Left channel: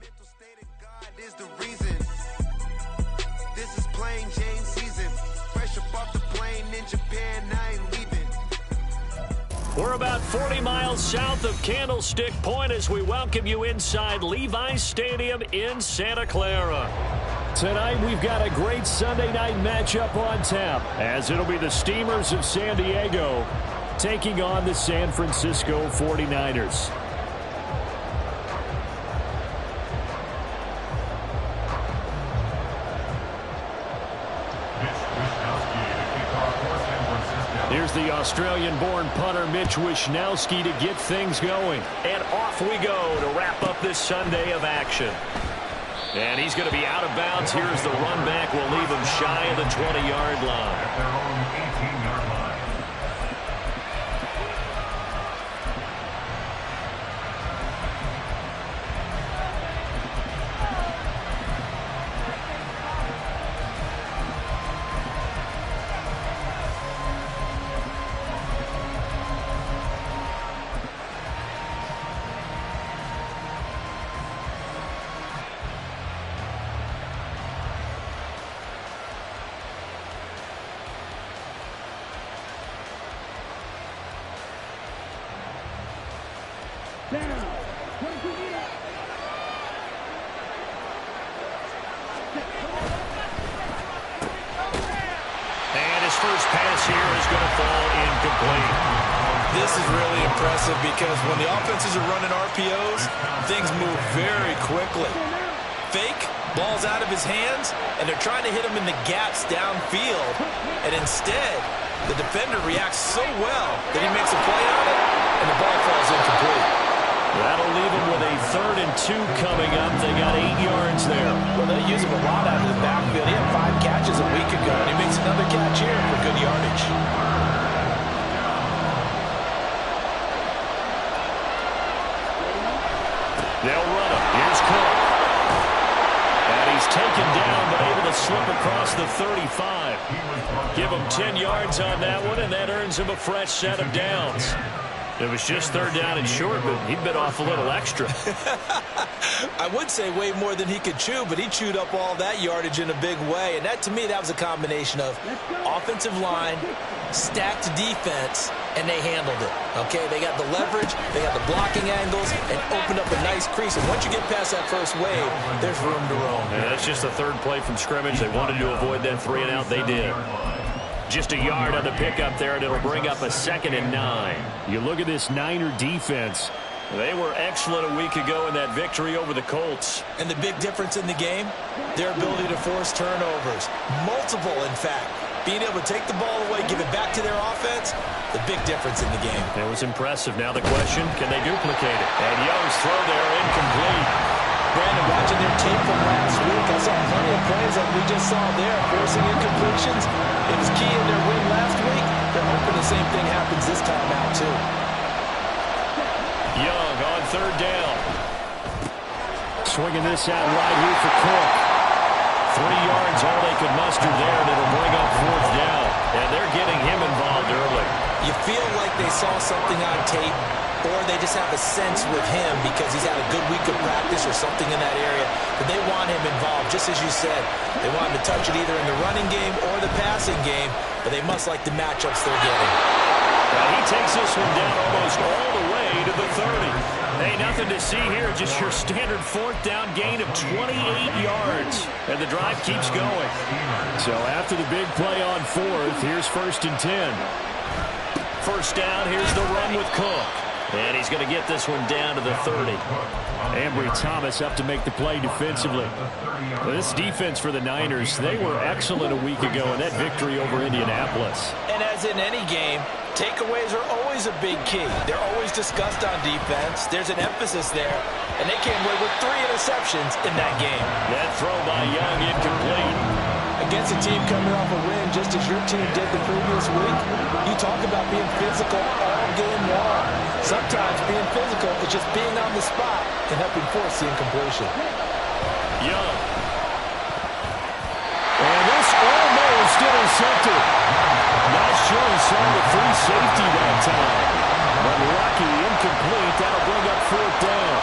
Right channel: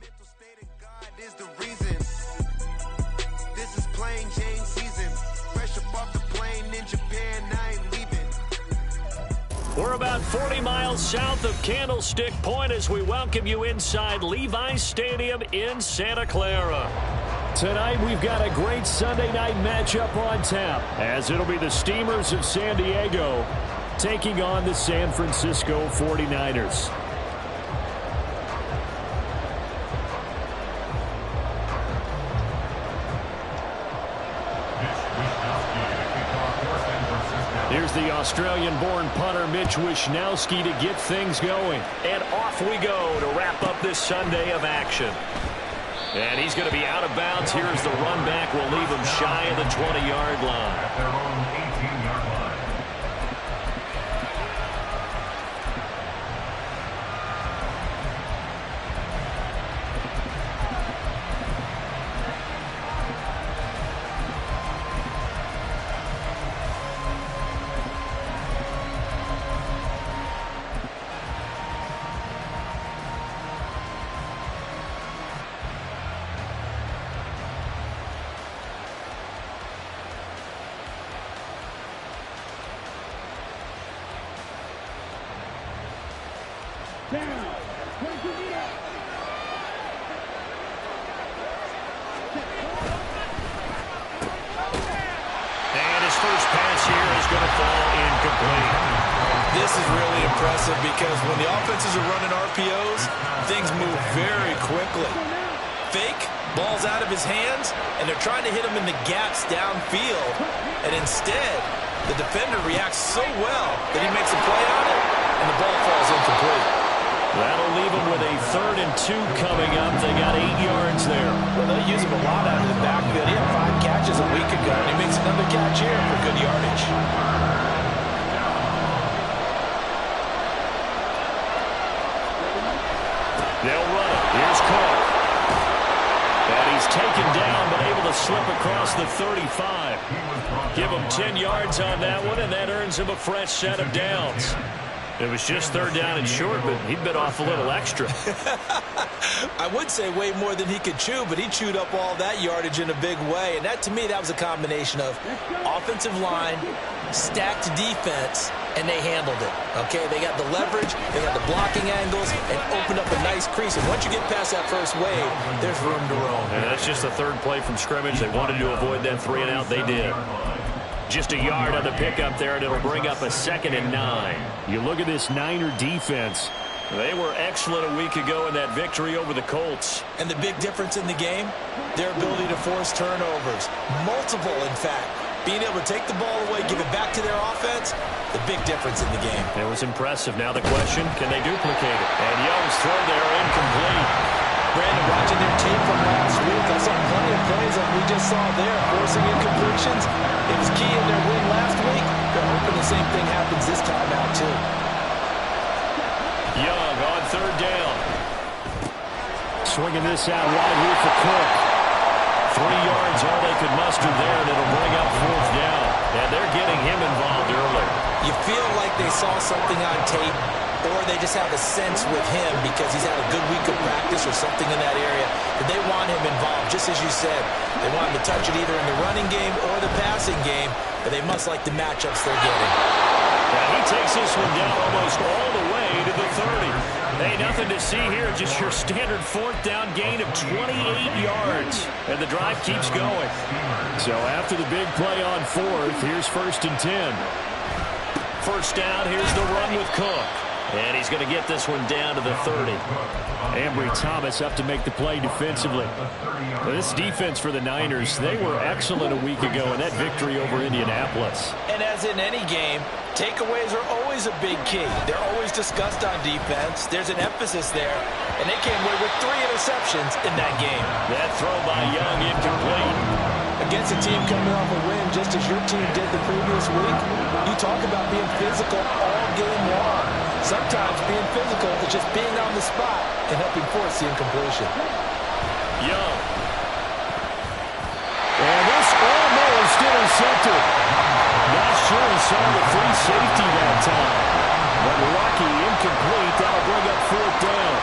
mental state of God is the reason. This is plain Jane season. Fresh up off the plane in Japan, I ain't leaving. We're about 40 miles south of Candlestick Point as we welcome you inside Levi's Stadium in Santa Clara. Tonight we've got a great Sunday night matchup on tap, as it'll be the Steamers of San Diego taking on the San Francisco 49ers. Here's the Australian-born punter Mitch Wishnowsky to get things going. And off we go to wrap up this Sunday of action. And he's going to be out of bounds. Here's the run back. We'll leave him shy of the 20-yard line. At their own 18-yard line. And his first pass here is going to fall incomplete. This is really impressive because when the offenses are running RPOs, things move very quickly. Fake, ball's out of his hands, and they're trying to hit him in the gaps downfield. And instead, the defender reacts so well that he makes a play on it, and the ball falls incomplete. That'll leave him with a 3rd and 2 coming up. They got 8 yards there. Well, they'll use him a lot out of the backfield. He had 5 catches a week ago, and he makes another catch here for good yardage. They'll run him. Here's Cook. And he's taken down, but able to slip across the 35. Give him 10 yards on that one, and that earns him a fresh set of downs. It was just 3rd down and short, but he bit off a little extra. I would say way more than he could chew, but he chewed up all that yardage in a big way. And that, to me, that was a combination of offensive line, stacked defense, and they handled it. Okay, they got the leverage, they got the blocking angles, and opened up a nice crease. And once you get past that first wave, there's room to roam. And that's just the 3rd play from scrimmage. They wanted to avoid that 3 and out. They did. Just a yard on the pickup there, and it'll bring up a 2nd and 9. You look at this Niner defense. They were excellent a week ago in that victory over the Colts. And the big difference in the game, their ability to force turnovers. Multiple, in fact. Being able to take the ball away, give it back to their offense, the big difference in the game. It was impressive. Now the question, can they duplicate it? And Young's throw there, incomplete. Brandon, watching their tape from last week, I saw plenty of plays like we just saw there, forcing incompletions. It was key in their win last week. They're hoping the same thing happens this time out, too. Young on 3rd down. Swinging this out wide here for Cook. 3 yards, all they could muster there, and it'll bring up 4th down. And they're getting him involved early. You feel like they saw something on tape, or they just have a sense with him because he's had a good week of practice or something in that area that they want him involved. Just as you said, they want him to touch it either in the running game or the passing game, but they must like the matchups they're getting. Well, he takes this one down almost all the way to the 30. Hey, nothing to see here, just your standard 4th down gain of 28 yards. And the drive keeps going. So after the big play on 4th, here's 1st and 10. 1st down, here's the run with Cook. And he's going to get this one down to the 30. Ambry Thomas up to make the play defensively. Well, this defense for the Niners, they were excellent a week ago in that victory over Indianapolis. And as in any game, takeaways are always a big key. They're always discussed on defense. There's an emphasis there. And they came away with 3 interceptions in that game. That throw by Young incomplete. Against a team coming off a win just as your team did the previous week, you talk about being physical all game long. Sometimes being physical is just being on the spot and helping force the incompletion. Young. And this almost intercepted. Not sure he saw the free safety that time. But lucky, incomplete. That'll bring up 4th down.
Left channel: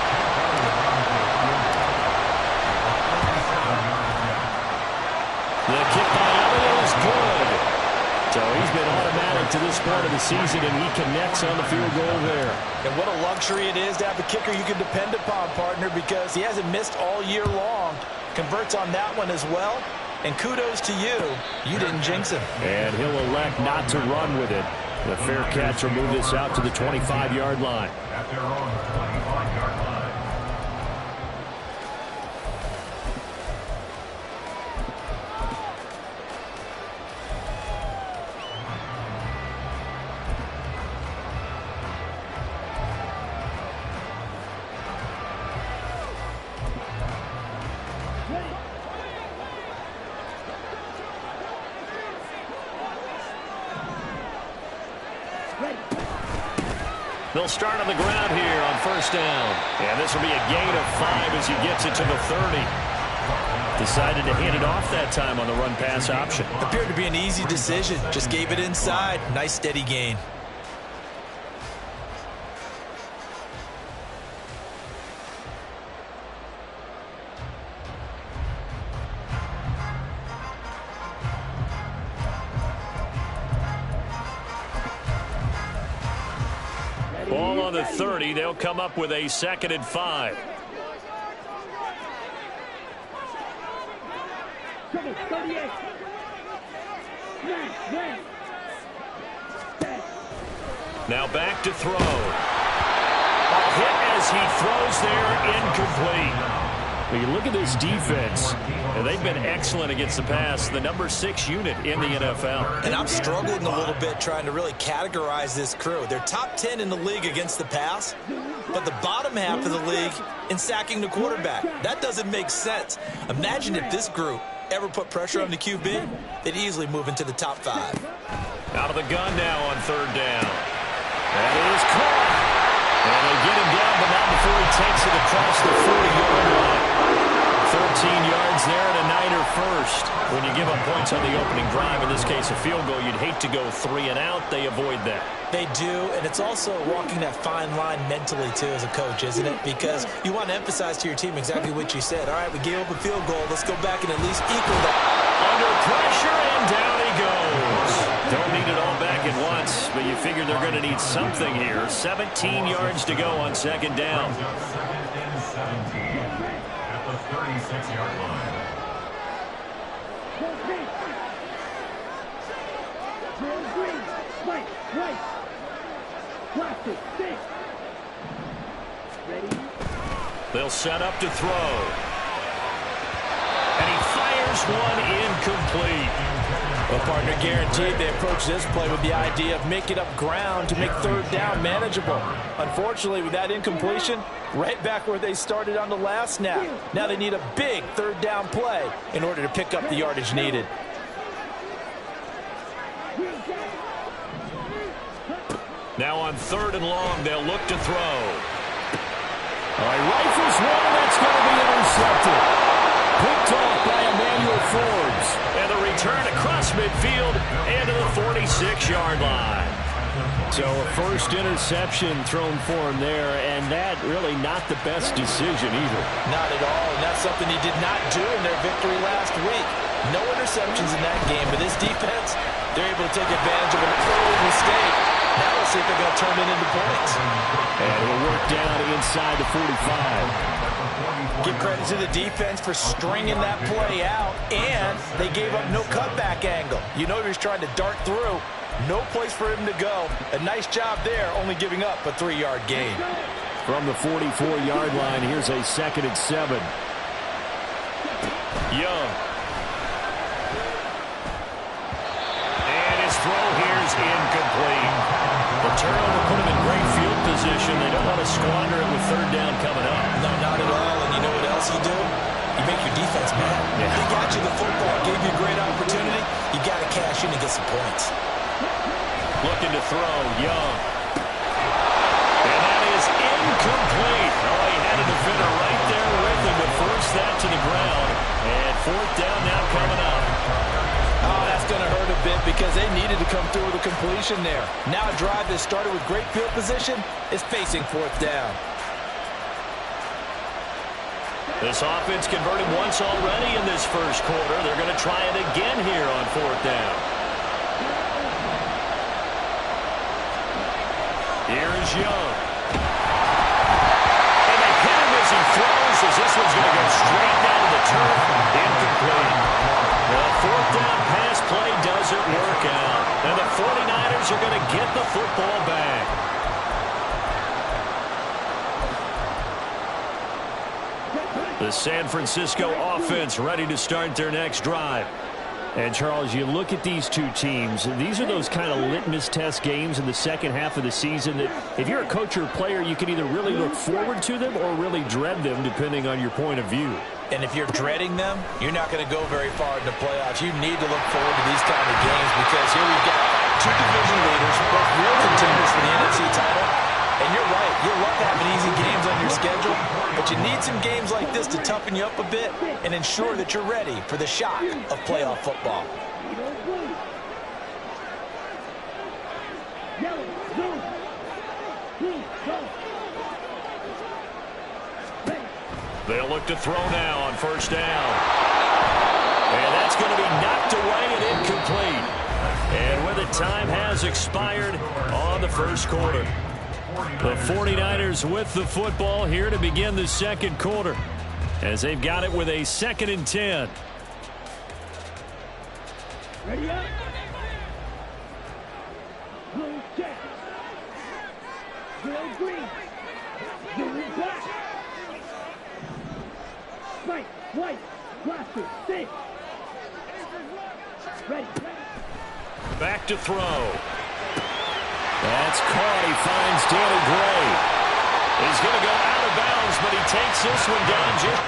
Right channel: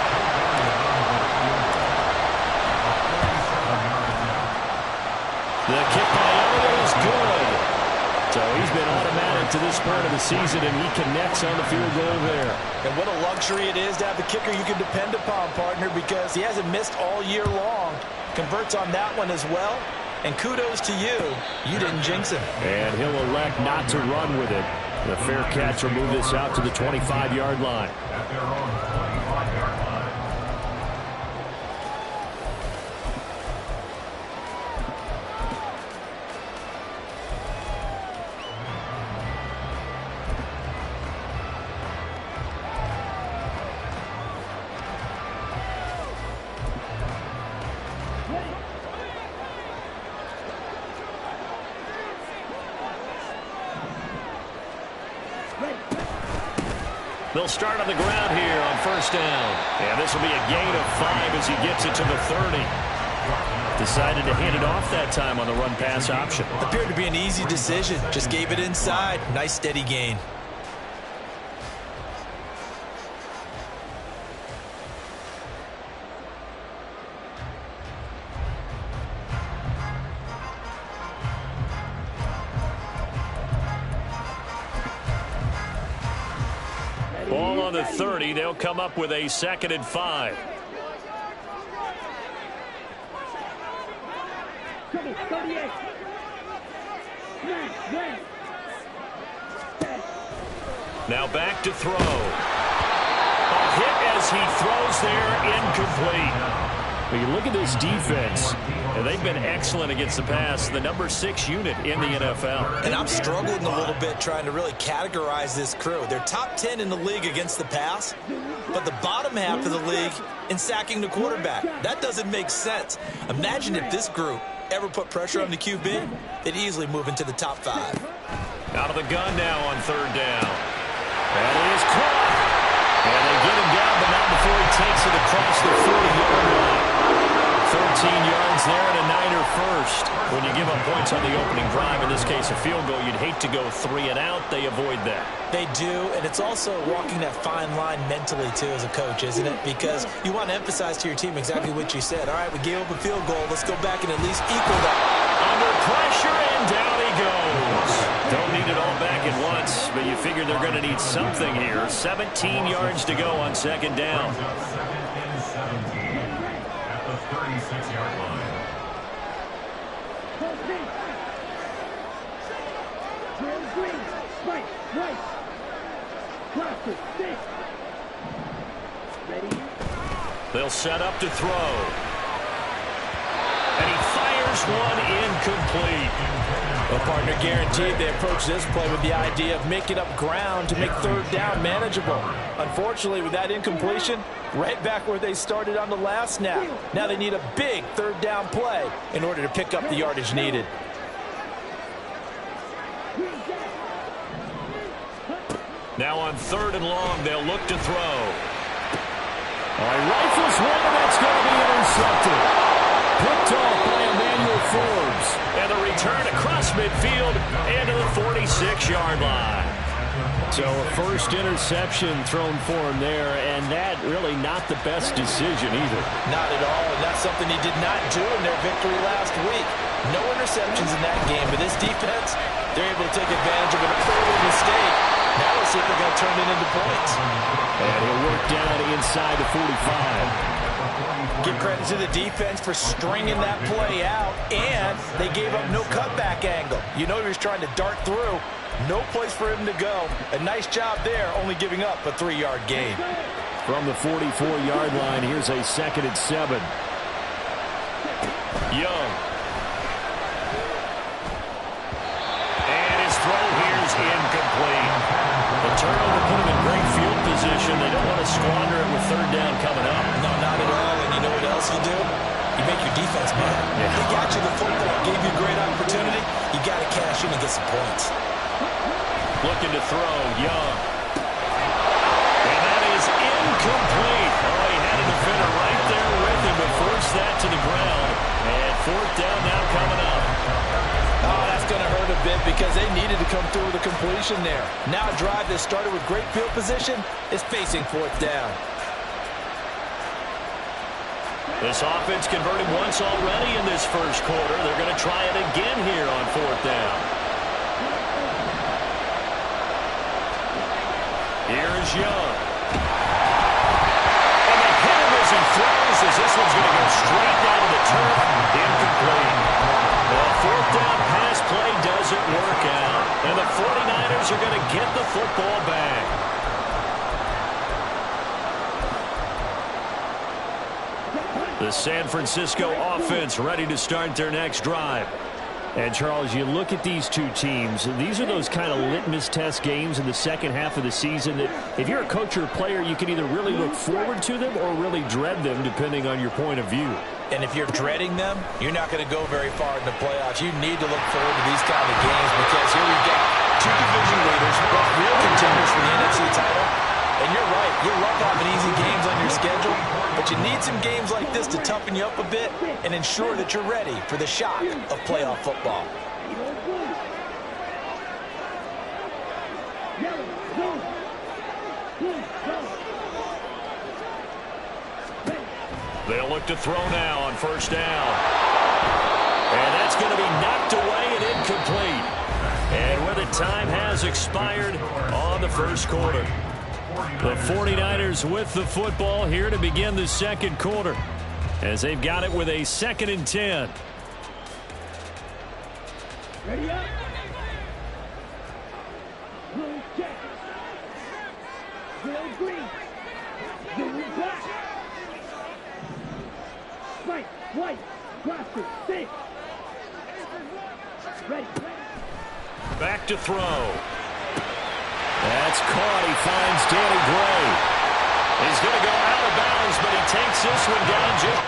has been automatic to this point of the season, and he connects on the field goal there. And what a luxury it is to have a kicker you can depend upon, partner, because he hasn't missed all year long. Converts on that one as well. And kudos to you. You didn't jinx him. And he'll elect not to run with it. The fair catch will move this out to the 25-yard line. At their own 25-yard line. They'll start on the ground here on first down. And this will be a gain of 5 as he gets it to the 30. Decided to hand it off that time on the run-pass option. Appeared to be an easy decision. Just gave it inside. Nice steady gain. Ball on the 30. They'll come up with a 2nd and 5. Now back to throw. A hit as he throws there, incomplete. Well, you look at this defense, and they've been excellent against the pass, the number 6 unit in the NFL. And I'm struggling a little bit trying to really categorize this crew. They're top 10 in the league against the pass, but the bottom half of the league in sacking the quarterback. That doesn't make sense. Imagine if this group ever put pressure on the QB, they'd easily move into the top 5. Out of the gun now on 3rd down. That is caught. And they get him down, but not before he takes it across the 40-yard line. 13 yards there and a Niner first. When you give up points on the opening drive, in this case a field goal, you'd hate to go 3 and out. They avoid that. They do, and it's also walking that fine line mentally, too, as a coach, isn't it? Because you want to emphasize to your team exactly what you said. All right, we gave up a field goal. Let's go back and at least equal that. Under pressure, and down he goes. Don't need it all back at once, but you figure they're going to need something here. 17 yards to go on 2nd down. 2nd and 17 at the 36-yard line. They'll set up to throw. And he fires one incomplete. Well, partner, guaranteed they approach this play with the idea of making up ground to make 3rd down manageable. Unfortunately, with that incompletion, right back where they started on the last snap. Now they need a big 3rd down play in order to pick up the yardage needed. Now on 3rd and long, they'll look to throw. All right, rifles one, and that's going to be intercepted. Picked off by Emmanuel Forbes. And the return across midfield and to the 46-yard line. So a first interception thrown for him there, and that really not the best decision either. Not at all, and that's something he did not do in their victory last week. No interceptions in that game, but this defense, they're able to take advantage of an early mistake. Now let's see if they're going to turn it into points. And he'll work down inside the 45. Give credit to the defense for stringing that play out, and they gave up no cutback angle. You know he was trying to dart through. No place for him to go. A nice job there, only giving up a 3-yard gain. From the 44-yard line, here's a 2nd and 7. Young. And his throw here's incomplete. The turnover put him in great field position. They don't want to squander it with 3rd down coming up. No, not at all. And you know what else you do? You make your defense mad. Yeah. They got you the football, gave you a great opportunity. You got to cash in and get some points. Looking to throw, Young. And that is incomplete. Oh, he had a defender right there with him to force that to the ground. And 4th down now coming up. Oh, that's going to hurt a bit because they needed to come through with a completion there. Now a drive that started with great field position is facing 4th down. This offense converted once already in this first quarter. They're going to try it again here on 4th down. Here is Young. And they hit him as he throws, as this one's going to go straight down to the turf. Incomplete. The fourth down pass play doesn't work out. And the 49ers are going to get the football back. The San Francisco offense ready to start their next drive. And, Charles, you look at these two teams, these are those kind of litmus test games in the second half of the season that if you're a coach or a player, you can either really look forward to them or really dread them, depending on your point of view. And if you're dreading them, you're not going to go very far in the playoffs. You need to look forward to these kind of games because here we've got two division leaders, both real contenders for the NFC title. And you're right, you love having easy games on your schedule, but you need some games like this to toughen you up a bit and ensure that you're ready for the shock of playoff football. They'll look to throw now on first down. And that's going to be knocked away and incomplete. And where the time has expired on the first quarter. The 49ers with the football here to begin the second quarter as they've got it with a 2nd and 10. Ready up. Blue check. Blue green. Blue black. White, white, blaster, six. Ready. Back to throw. That's caught. He finds Danny Gray. He's going to go out of bounds, but he takes this one down just...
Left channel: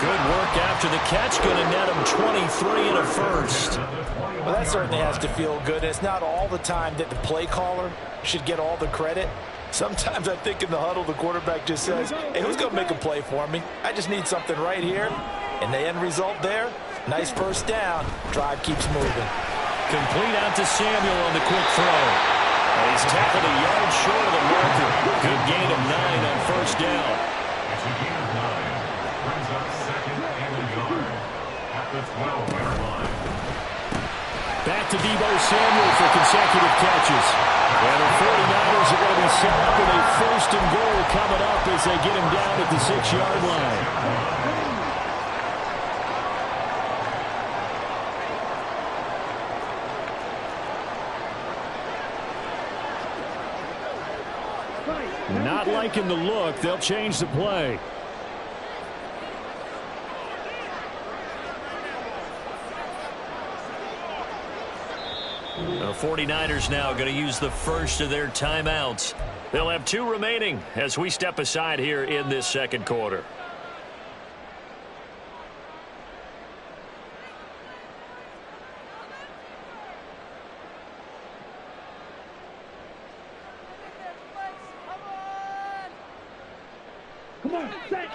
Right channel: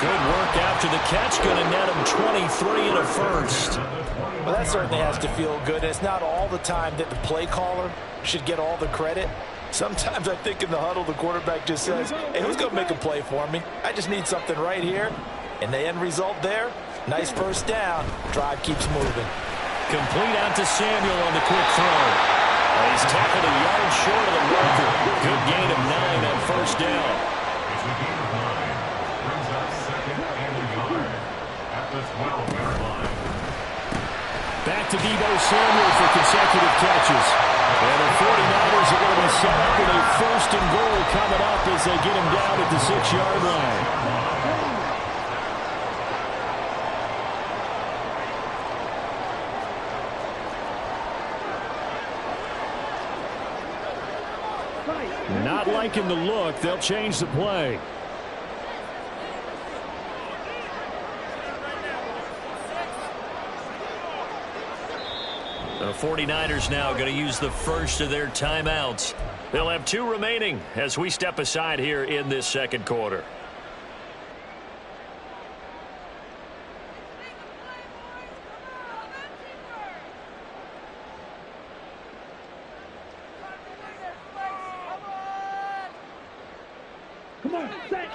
Good work after the catch. Going to net him 23 and a first. Well, that certainly has to feel good. It's not all the time that the play caller should get all the credit. Sometimes I think in the huddle, the quarterback just says, hey, who's going to make a play for me? I just need something right here. And the end result there, nice first down. Drive keeps moving. Complete out to Samuel on the quick throw. He's tackled a yard short of the marker. Good gain of 9 on first down. It's a gain of 9. Brings up 2nd and a yard at the 12-yard line. Back to Deebo Samuel for consecutive catches. And the 49ers are going to be set up with a 1st and goal coming up as they get him down at the 6-yard line. Not liking the look. They'll change the play. The 49ers now going to use the first of their timeouts. They'll have 2 remaining as we step aside here in this second quarter. Come on, set.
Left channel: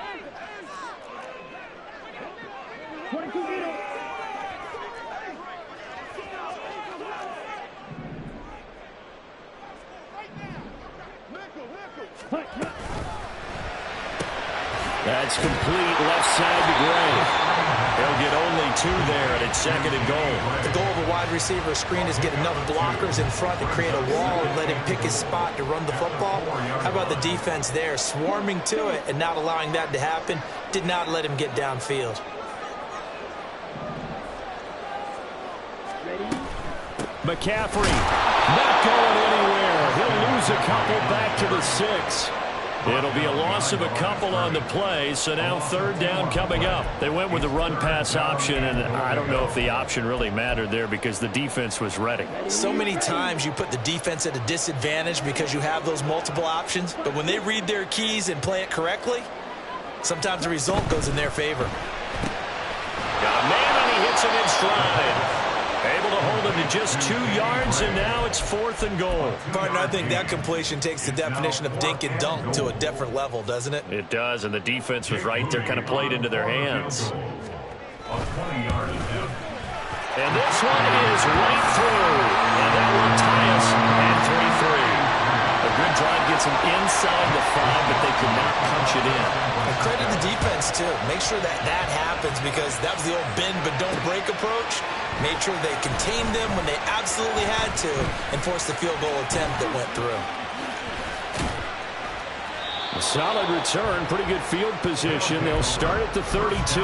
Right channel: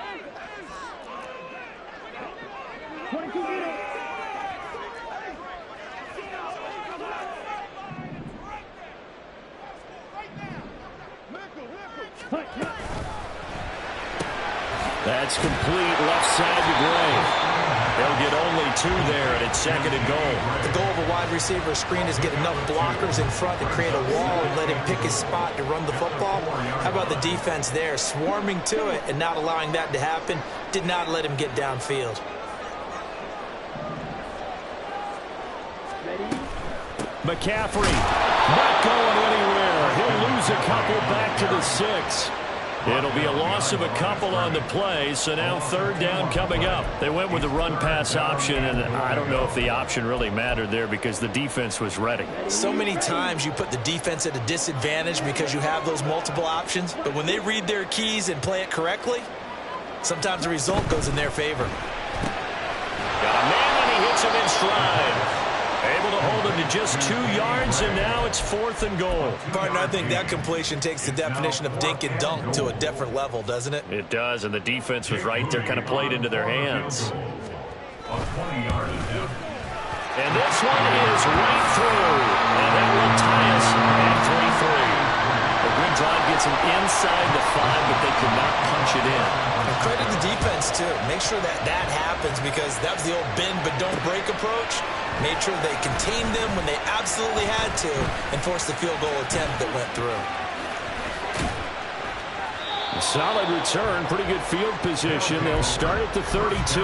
22 meters. That's complete left side to Gray. He'll get only 2 there, and it's 2nd and goal. The goal of a wide receiver screen is get enough blockers in front to create a wall and let him pick his spot to run the football. How about the defense there, swarming to it and not allowing that to happen? Did not let him get downfield. Ready? McCaffrey not going anywhere. He'll lose a couple back to the 6. It'll be a loss of a couple on the play, so now third down coming up. They went with the run-pass option, and I don't know if the option really mattered there because the defense was ready. So many times you put the defense at a disadvantage because you have those multiple options, but when they read their keys and play it correctly, sometimes the result goes in their favor. Got a man, and he hits him in stride. Able to hold him to just 2 yards, and now it's 4th and goal. Partner, I think that completion takes the definition of dink and dunk to a different level, doesn't it? It does, and the defense was right there, kind of played into their hands. And this one is right through, and that will tie us at 3-3. A good drive gets them inside the 5, but they could not punch it in. And credit the defense, too. Make sure that happens because that was the old bend but don't break approach. Made sure they contained them when they absolutely had to and forced the field goal attempt that went through. A solid return, pretty good field position. They'll start at the 32.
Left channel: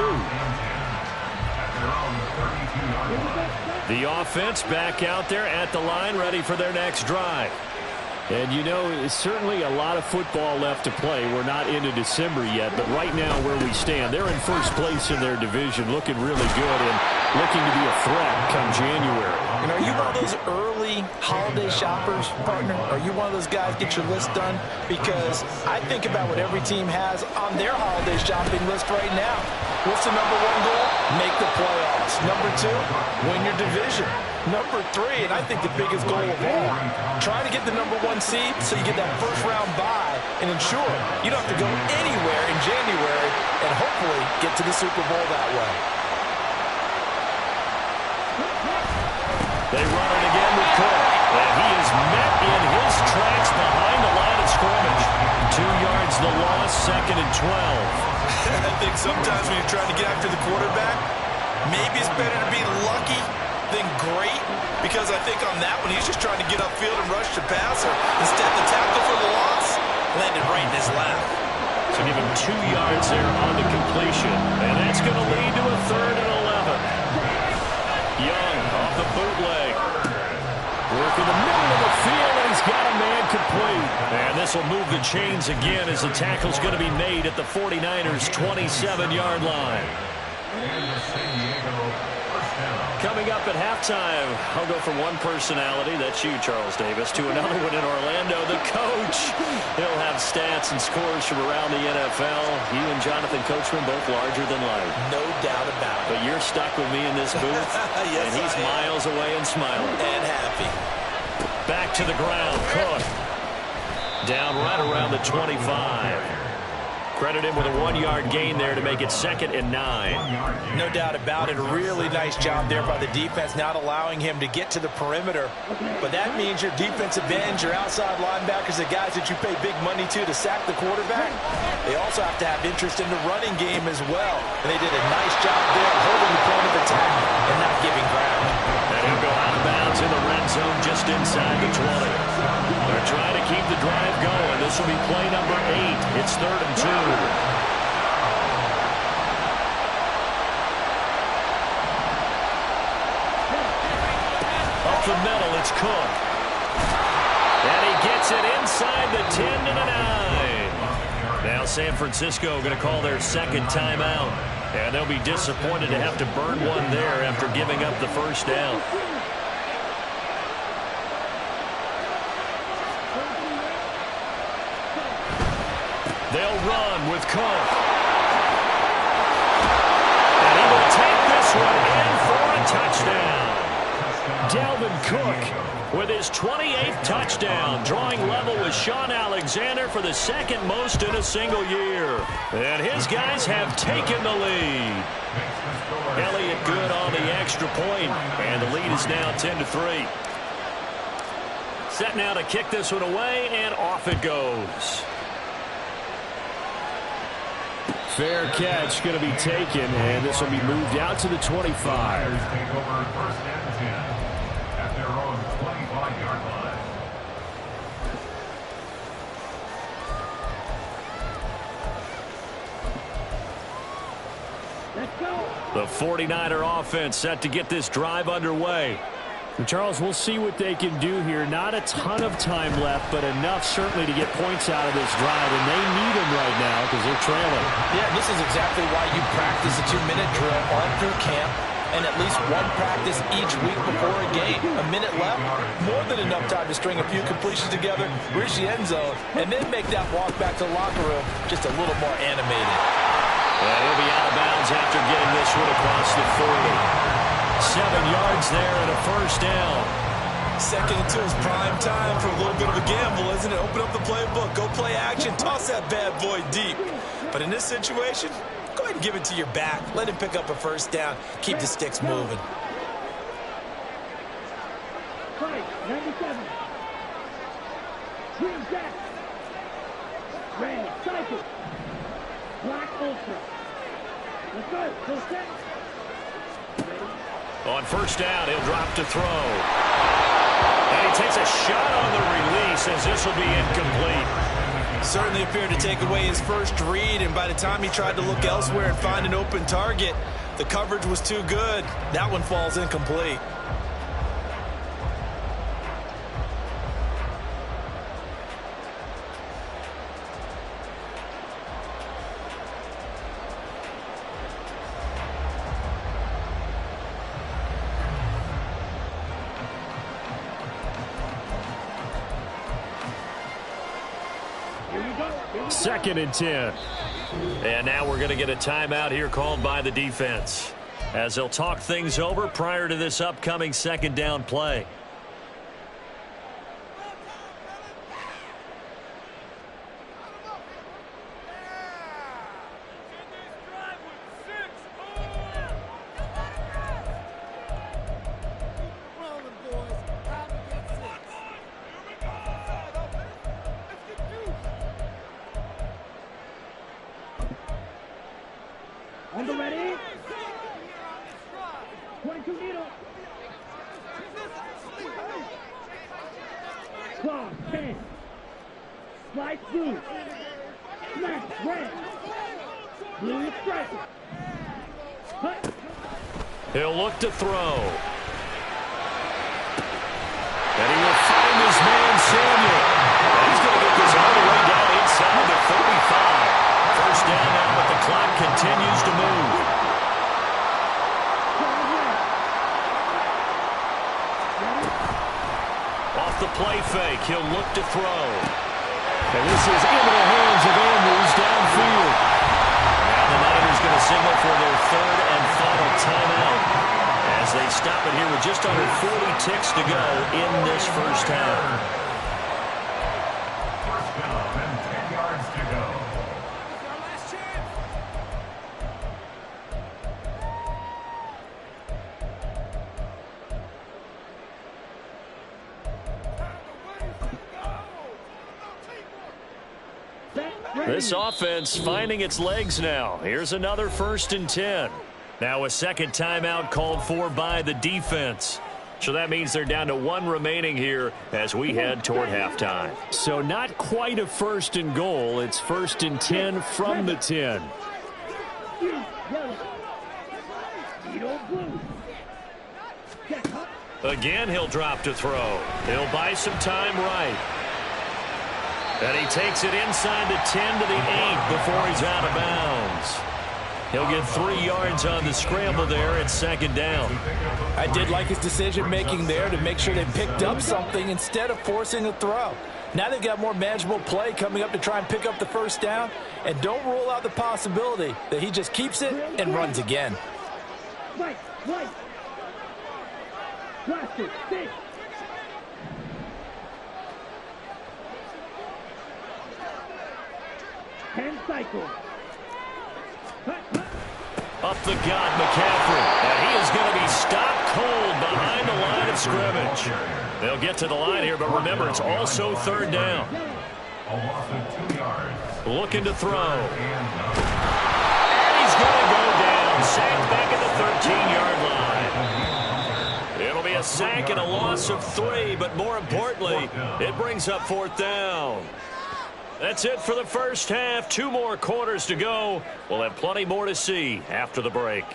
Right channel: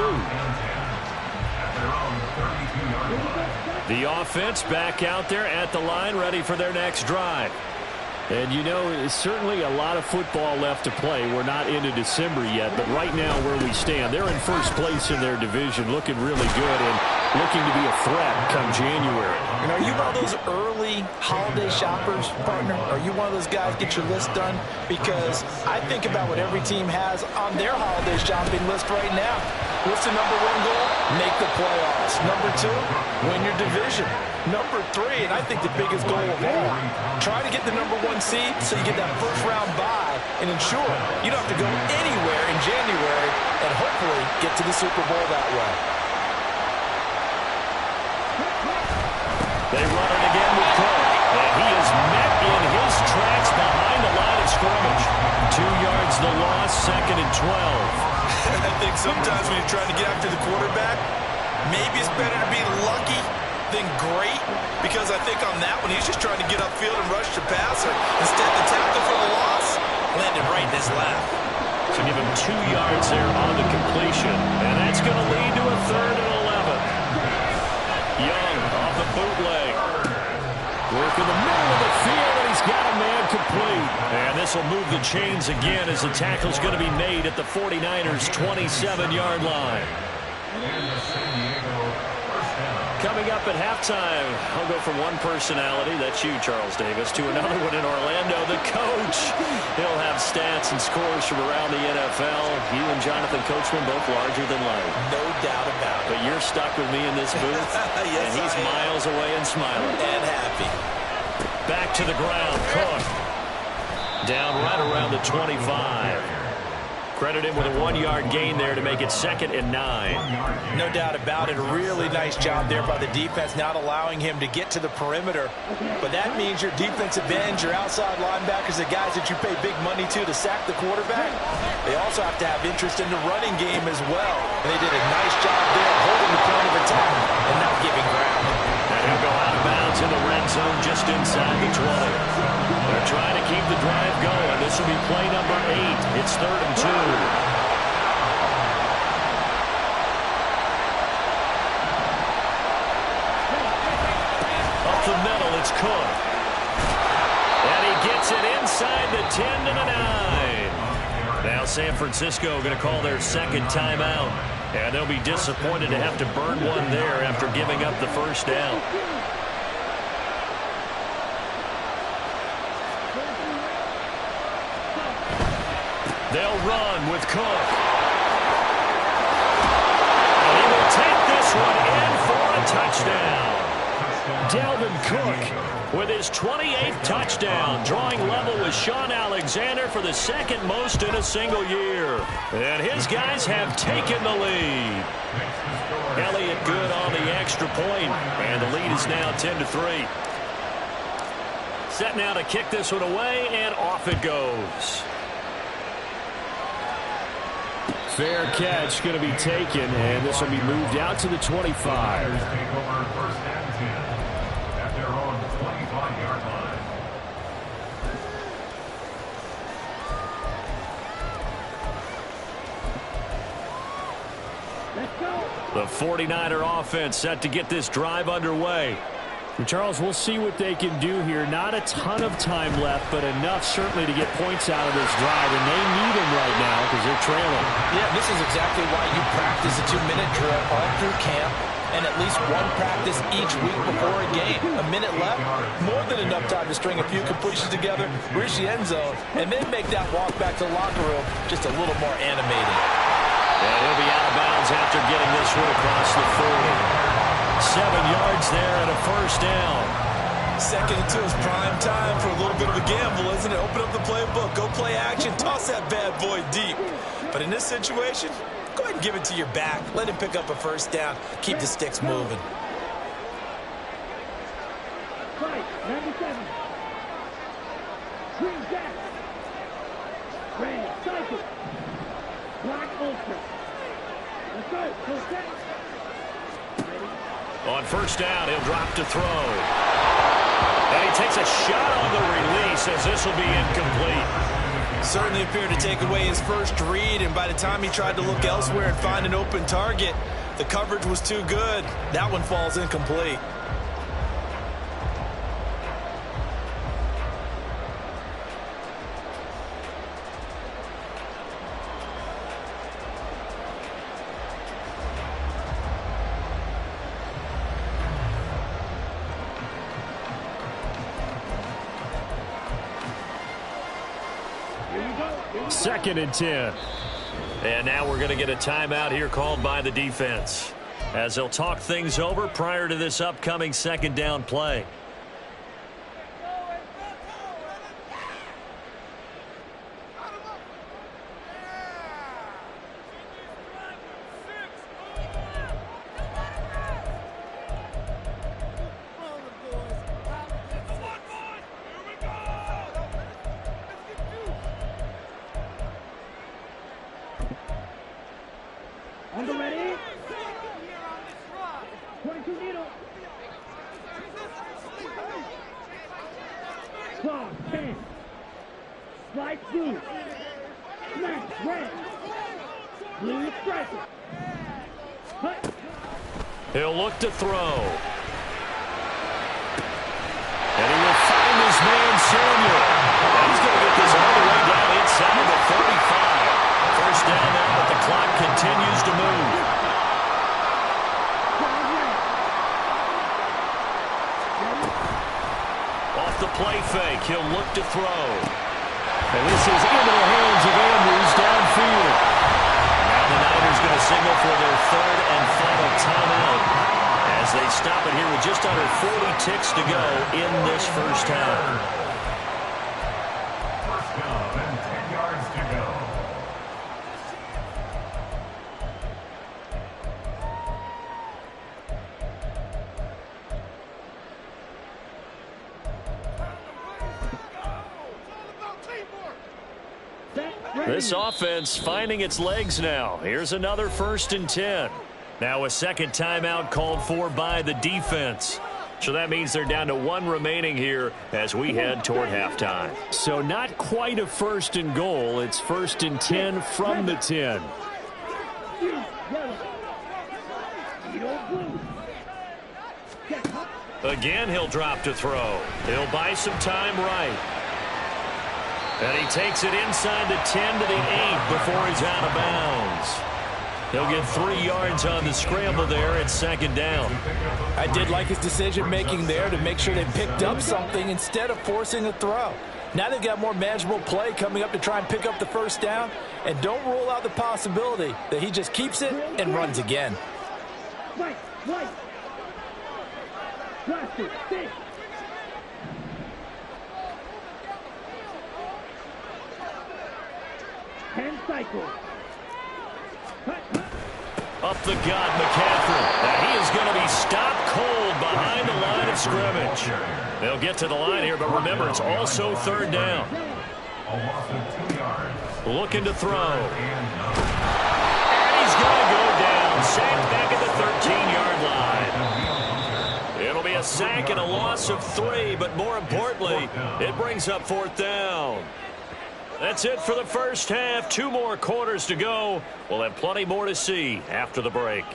The offense back out there at the line, ready for their next drive. And, you know, it's certainly a lot of football left to play. We're not into December yet, but right now where we stand, they're in first place in their division, looking really good and looking to be a threat come January. And are you one of those early holiday shoppers, partner? Are you one of those guys get your list done? Because I think about what every team has on their holiday shopping list right now. What's the number 1 goal? Make the playoffs. Number 2, win your division. Number 3, and I think the biggest goal of all, try to get the number 1 seed so you get that first-round bye and ensure you don't have to go anywhere in January and hopefully get to the Super Bowl that way. They run it again with Cook, and he is met in his tracks behind the line of scrimmage. 2 yards the loss, 2nd and 12. I think sometimes when you're trying to get after the quarterback, maybe it's better to be lucky than great, because I think on that one he's just trying to get upfield and rush the passer. Instead, the tackle for the loss landed right in his lap. So give him 2 yards there on the completion, and that's going to lead to a 3rd and 11. Young off the bootleg. Work in the middle of the field, and he's got a man complete. And this will move the chains again as the tackle's going to be made at the 49ers' 27-yard line. Coming up at halftime, I'll go from one personality, that's you, Charles Davis, to another one in Orlando, the coach. He'll have stats and scores from around the NFL. You and Jonathan Coachman both larger than life. No doubt about it. But you're stuck with me in this booth, yes, and he's miles away and smiling. And happy. Back to the ground, Cook. Down right around the 25. Credit him with a 1-yard gain there to make it 2nd and 9. No doubt about it. A really nice job there by the defense, not allowing him to get to the perimeter. But that means your defensive ends, your outside linebackers, the guys that you pay big money to sack the quarterback, they also have to have interest in the running game as well. And they did a nice job there holding the point of attack and not giving ground. And he'll go out of bounds in the red zone just inside the 20. They're trying to keep the drive going. This will be play number 8. It's 3rd and 2. Up the middle, it's Cook. And he gets it inside the 10 to the 9. Now San Francisco going to call their 2nd timeout. And they'll be disappointed to have to burn one there after giving up the first down. They'll run with Cook. And he will take this one in for a touchdown. Dalvin Cook with his 28th touchdown, drawing level with Sean Alexander for the 2nd most in a single year. And his guys have taken the lead. Elliott good on the extra point, and the lead is now 10-3. Set now to kick this one away, and off it goes. Fair catch going to be taken, and this will be moved out to the 25. Take over 1st and 10 at their own 25-yard line. Let's go. The 49er offense set to get this drive underway. And Charles, we'll see what they can do here. Not a ton of time left, but enough certainly to get points out of this drive, and they need them right now because they're trailing. Yeah, this is exactly why you practice a 2-minute drill all through camp and at least one practice each week before a game. A minute left, more than enough time to string a few completions together, reach the end zone, and then make that walk back to the locker room just a little more animated. And he'll be out of bounds after getting this one across the 40. 7 yards there and a first down. 2nd and 2 is prime time for a little bit of a gamble, isn't it? Open up the playbook, go play action, toss that bad boy deep. But in this situation, go ahead and give it to your back. Let him pick up a first down. Keep the sticks moving. 97. Green Jack. Red Cycle. Black Ultra. Let's go. Full set. Ready? On first down, he'll drop to throw. And he takes a shot on the release as this will be incomplete. Certainly appeared to take away his first read, and by the time he tried to look elsewhere and find an open target, the coverage was too good. That one falls incomplete. Second and 10. And now we're going to get a timeout here called by the defense, as they'll talk things over prior to this upcoming second down play. On the ready. 22 needle. Claw 10. Slide blue. Smash red. Blue striker. Hut. He'll look to throw. And he will find his man, Samuel. And he's going to get this all the way down inside the 35. First down now, but the clock continues to move. Off the play fake, he'll look to throw. And this is into the hands of Andrews downfield. Now the Niners going to signal for their third and final timeout as they stop it here with just under 40 ticks to go in this first half. First down and 10 yards to go. This offense finding its legs now. Here's another 1st and 10. Now a second timeout called for by the defense. So that means they're down to 1 remaining here as we head toward halftime. So not quite a 1st and goal. It's 1st and 10 from the 10. Again, he'll drop to throw. He'll buy some time right. And he takes it inside the 10 to the 8 before he's out of bounds. He'll get 3 yards on the scramble there at second down. I did like his decision-making there to make sure they picked up something instead of forcing a throw. Now they've got more manageable play coming up to try and pick up the first down. And don't rule out the possibility that he just keeps it and runs again. White. Blaster, stick. Hand cycle. Up the gut, McCaffrey. And he is going to be stopped cold behind the line of scrimmage. They'll get to the line here, but remember, it's also third down. A loss of 2 yards. Looking to throw. And he's going to go down. Sacked back at the 13-yard line. It'll be a sack and a loss of 3, but more importantly, it brings up 4th down. That's it for the first half. 2 more quarters to go. We'll have plenty more to see after the break.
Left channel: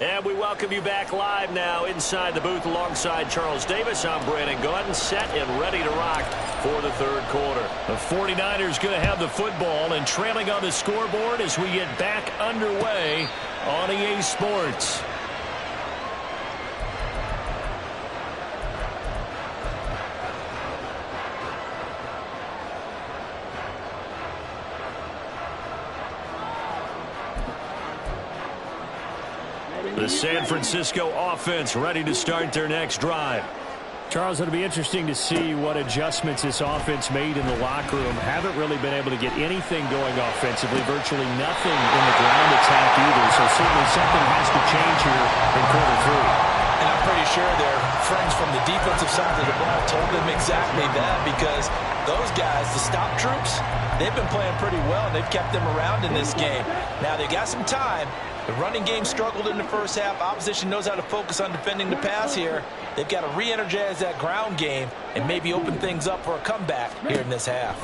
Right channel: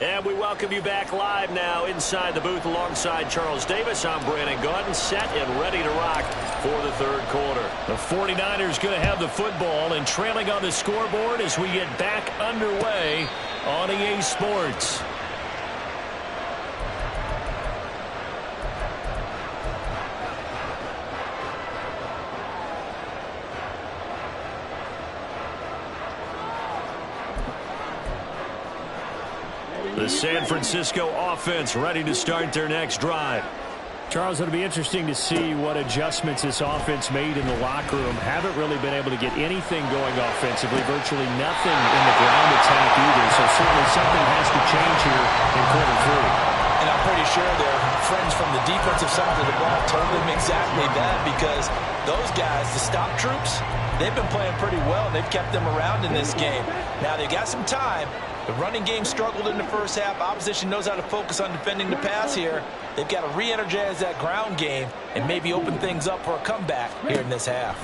And we welcome you back live now inside the booth alongside Charles Davis. I'm Brandon Gaudin, set and ready to rock for the third quarter. The 49ers going to have the football and trailing on the scoreboard as we get back underway on EA Sports. The San Francisco offense ready to start their next drive. Charles, it'll be interesting to see what adjustments this offense made in the locker room. Haven't really been able to get anything going offensively, virtually nothing in the ground attack either. So certainly something has to change here in quarter three. And I'm pretty sure their friends from the defensive side of the ball told them exactly that, because those guys, the stop troops, they've been playing pretty well. They've kept them around in this game. Now they got some time. The running game struggled in the first half. Opposition knows how to focus on defending the pass here. They've got to re-energize that ground game and maybe open things up for a comeback here in this half.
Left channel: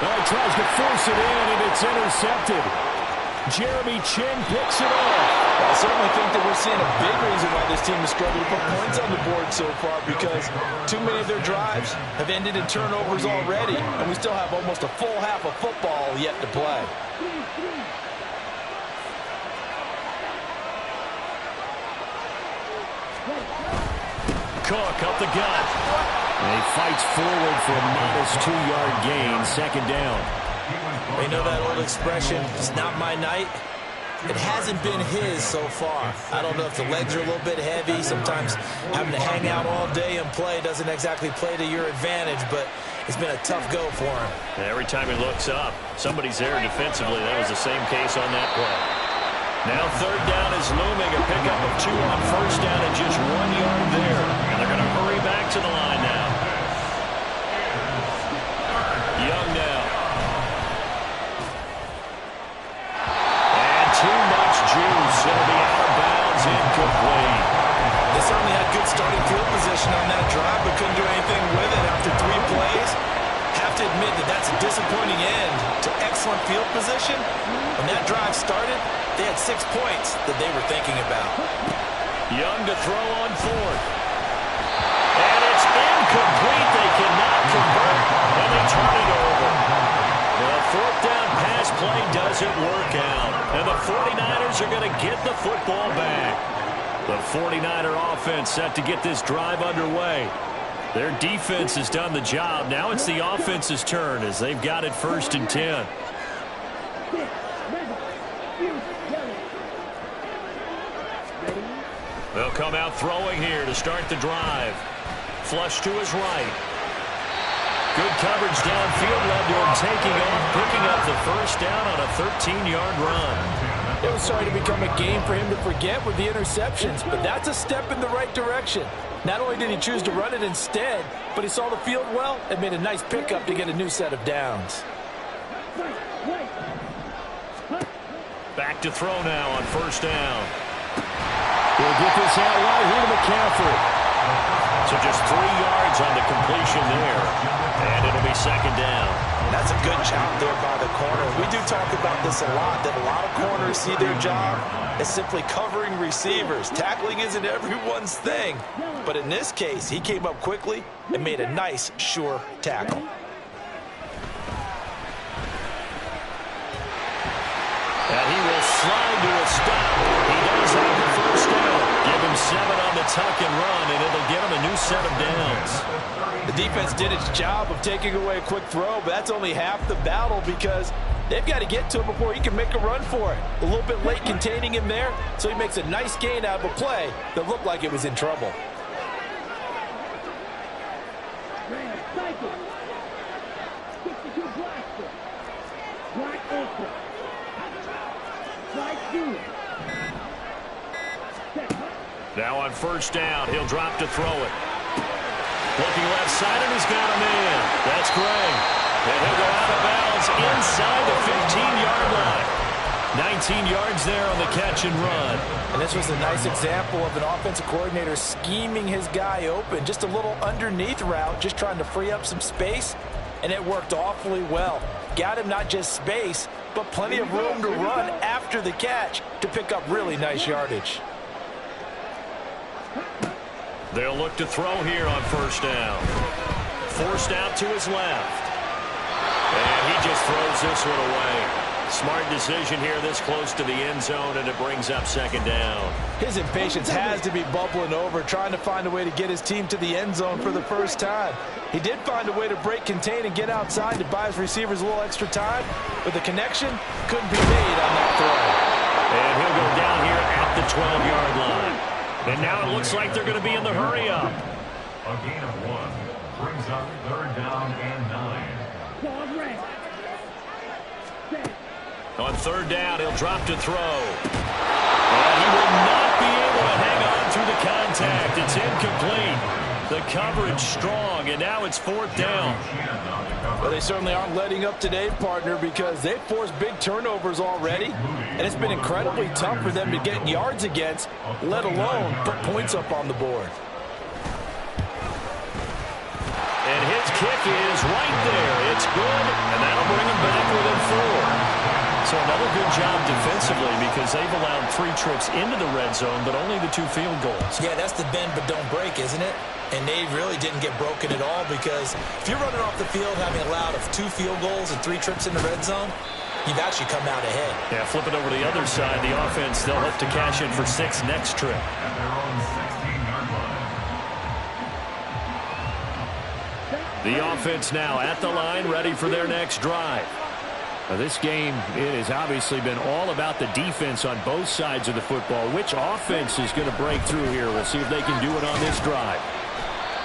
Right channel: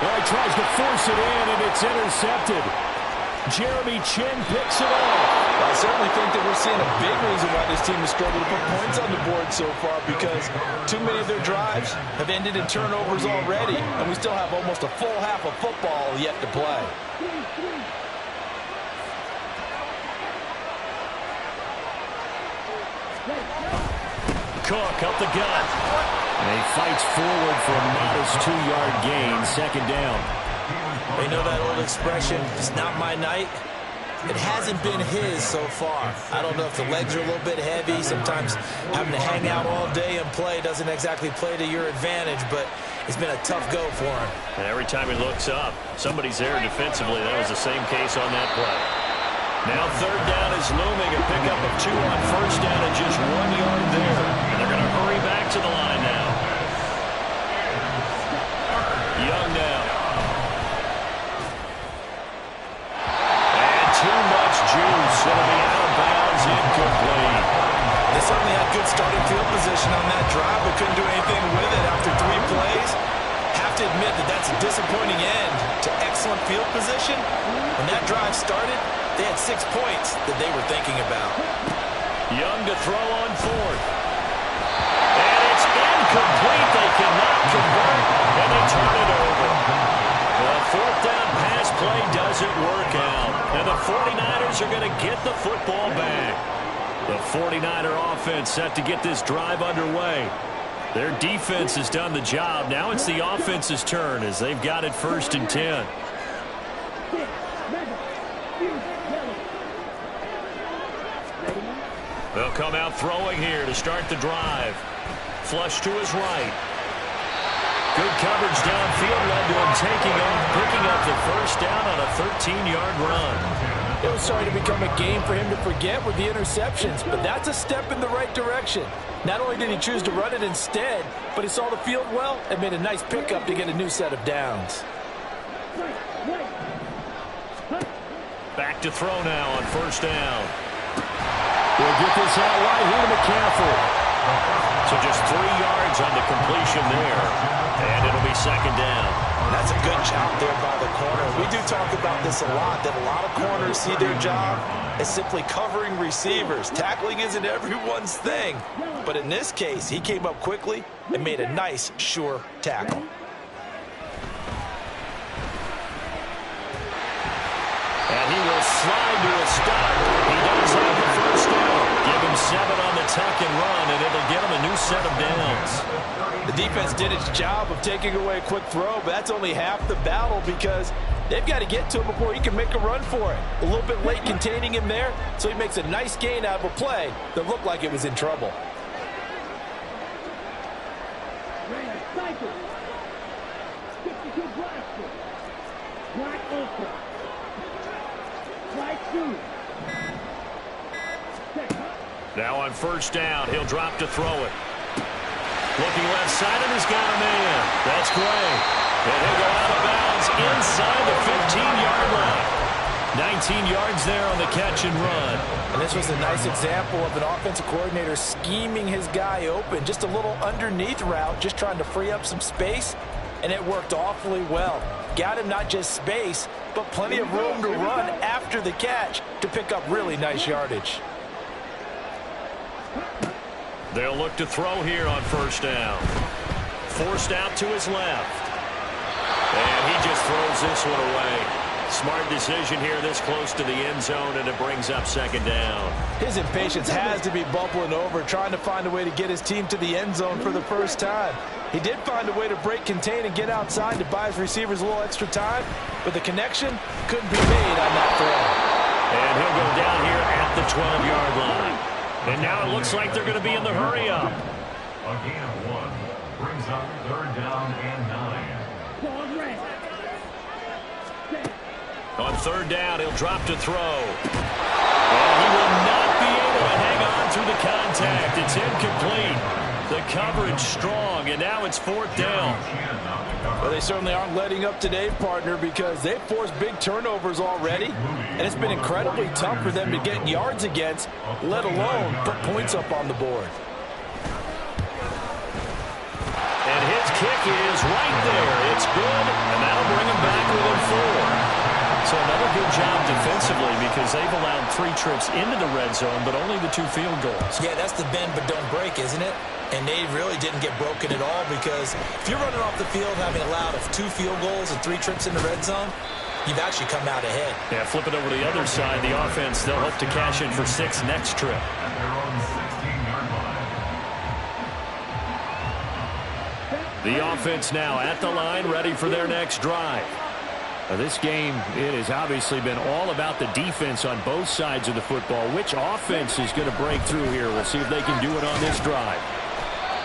Oh, he tries to force it in, and it's intercepted. Jeremy Chin picks it off. Well, I certainly think that we're seeing a big reason why this team has struggled to put points on the board so far, because too many of their drives have ended in turnovers already, and we still have almost a full half of football yet to play. Cook up the gut. And he fights forward for a modest 2-yard gain, second down. They know that old expression, it's not my night. It hasn't been his so far. I don't know if the legs are a little bit heavy. Sometimes having to hang out all day and play doesn't exactly play to your advantage, but it's been a tough go for him. And every time he looks up, somebody's there defensively. That was the same case on that play. Now third down is looming. A pickup of 2 on first down and just 1 yard there. And they're going to hurry back to the line now. Young now. Too much juice. It'll be out of bounds, incomplete. They certainly had good starting field position on that drive, but couldn't do anything with it after 3 plays. Have to admit that that's a disappointing end to excellent field position. When that drive started, they had 6 points that they were thinking about. Young to throw on fourth. And it's incomplete. They cannot convert, and they turn it over. The fourth down pass play doesn't work out. And the 49ers are going to get the football back. The 49er offense set to get this drive underway. Their defense has done the job. Now it's the offense's turn as they've got it 1st and 10. They'll come out throwing here to start the drive. Flush to his right. Good coverage downfield led to him taking off, picking up the first down on a 13-yard run. It was starting to become a game for him to forget with the interceptions, but that's a step in the right direction. Not only did he choose to run it instead, but he saw the field well and made a nice pickup to get a new set of downs. Back to throw now on first down. He'll get this out right here to McCaffrey. So just 3 yards on the completion there, and it'll be second down. That's a good job there by the corner. We do talk about this a lot, that a lot of corners see their job as simply covering receivers. Tackling isn't everyone's thing, but in this case, he came up quickly and made a nice, sure tackle. And he will slide to a stop. He does have the first down. Give him 7 on the tuck and run, and it'll get him a new set of downs. The defense did its job of taking away a quick throw, but that's only half the battle because they've got to get to him before he can make a run for it. A little bit late containing him there, so he makes a nice gain out of a play that looked like it was in trouble. Cycle. 52 blaster. Black ultra. Slide through. Now on first down, he'll drop to throw it. Looking left side, and he's got a man. That's great. And he'll go out of bounds inside the 15-yard line. 19 yards there on the catch and run. And this was a nice example of an offensive coordinator scheming his guy open. Just a little underneath route, just trying to free up some space. and it worked awfully well. Got him not just space, but plenty of room to run after the catch to pick up really nice yardage. They'll look to throw here on first down. Forced out to his left. And he just throws this one away. Smart decision here this close to the end zone, and it brings up second down. His impatience has to be bubbling over, trying to find a way to get his team to the end zone for the first time. He did find a way to break contain and get outside to buy his receivers a little extra time, but the connection couldn't be made on that throw. And he'll go down here at the 12-yard line. And now it looks like they're going to be in the hurry-up. A gain of 1 brings up third down and 9. On third down, he'll drop to throw. And he will not be able to hang on through the contact. It's incomplete. The coverage strong, and now it's fourth down. Well, they certainly aren't letting up today, partner, because they've forced big turnovers already, and it's been incredibly tough for them to get yards against, let alone put points up on the board. And his kick is right there. It's good, and that'll bring him back within 4. So another good job defensively because they've allowed 3 trips into the red zone, but only the 2 field goals. Yeah, that's the bend but don't break, isn't it? And they really didn't get broken at all because if you're running off the field having allowed 2 field goals and 3 trips in the red zone, you've actually come out ahead. Yeah, flip it over to the other side. The offense, they'll hope to cash in for 6 next trip. At their own 16-yard line. The offense now at the line, ready for their next drive. This game, it has obviously been all about the defense on both sides of the football. Which offense is going to break through here? We'll see if they can do it on this drive.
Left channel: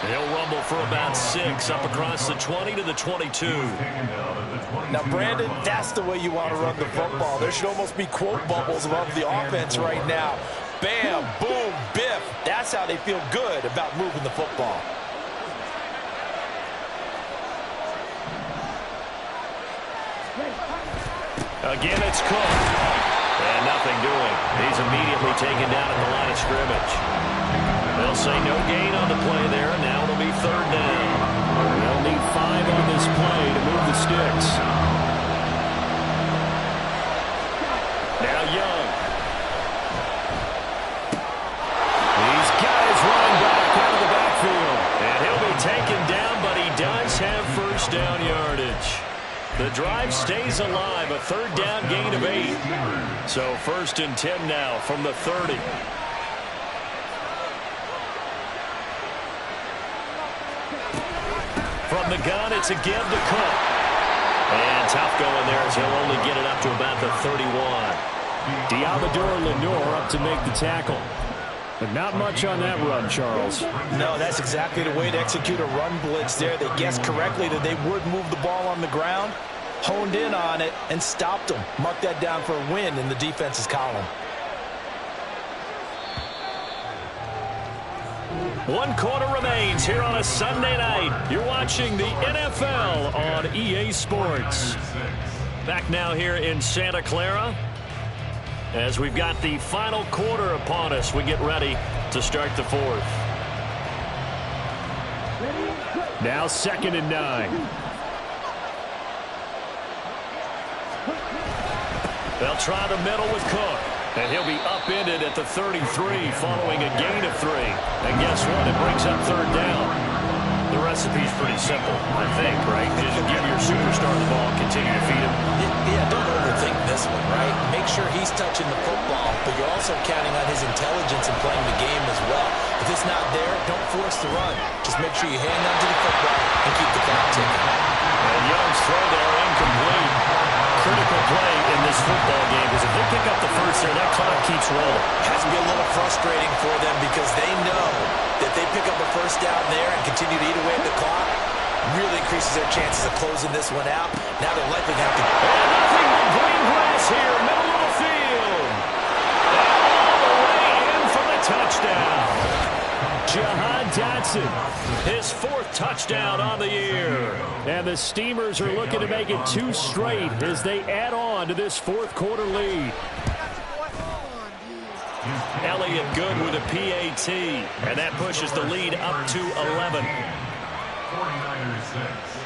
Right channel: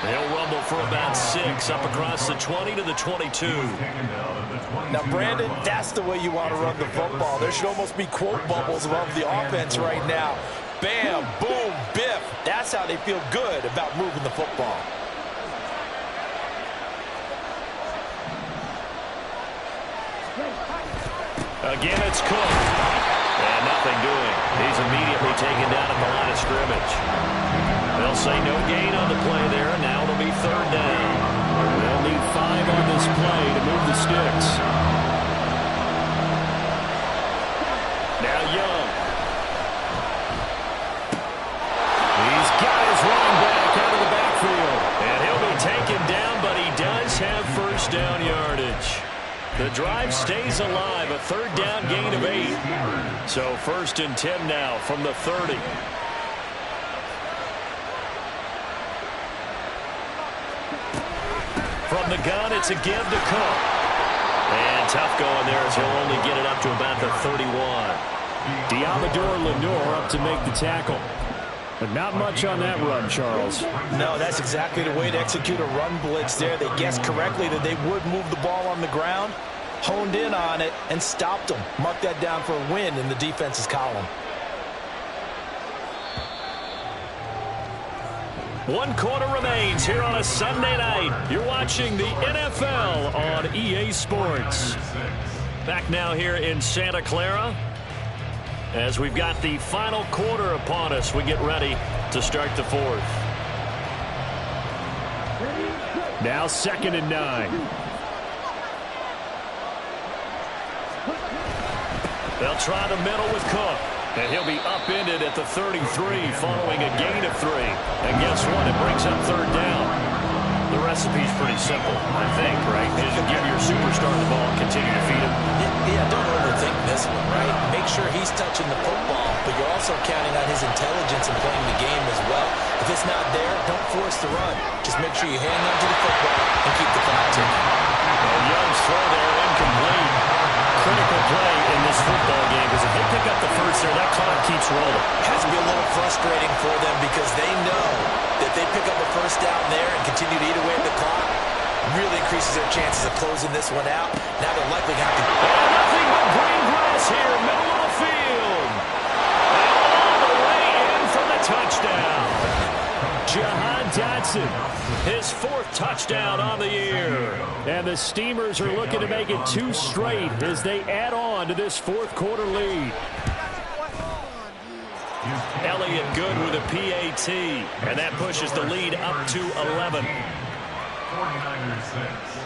He'll rumble for about 6 up across the 20 to the 22. Now, Brandon, that's the way you want to run the football. There should almost be quote bubbles above the offense right now. Bam, boom, biff. That's how they feel good about moving the football. Again, it's Cook. And nothing doing. He's immediately taken down at the line of scrimmage. They'll say no gain on the play there, and now it'll be third down. They'll need 5 on this play to move the sticks. Now Young. He's got his running back out of the backfield. And he'll be taken down, but he does have first down yardage. The drive stays alive, a third down gain of 8. So 1st and 10 now from the 30. From the gun, it's a give to Cook. And tough going there as he'll only get it up to about the 31. Diamador Lenore up to make the tackle. But not much on that run, Charles. No, that's exactly the way to execute a run blitz there. They guessed correctly that they would move the ball on the ground, honed in on it, and stopped them. Mark that down for a win in the defense's column. 1 quarter remains here on a Sunday night. You're watching the NFL on EA Sports. Back now here in Santa Clara. As we've got the final quarter upon us, we get ready to start the 4th. Now 2nd and 9. They'll try the middle with Cook. And he'll be upended at the 33 following a gain of 3. And guess what? It brings up third down. The recipe's pretty simple, I think, right? Just give your superstar the ball and continue to feed him. Yeah, don't overthink this one, right? Make sure he's touching the football, but you're also counting on his intelligence in playing the game as well. If it's not there, don't force the run. Just make sure you hang on to the football and keep the clock ticking. And Young's throw there incomplete. Critical play in this football game because if they pick up the first there, that clock keeps rolling. It has to be a little frustrating for them because they know that they pick up a first down there and continue to eat away at the clock, really increases their chances of closing this one out. Now they're likely going to have to... And nothing but green grass here, middle of the field. And all the way in for the touchdown. Jahan Dotson. His 4th touchdown on the year. And the Steamers are looking to make it 2 straight as they add on to this 4th quarter lead. Elliott good with a PAT. And that pushes the lead up to 11. 49ers 6.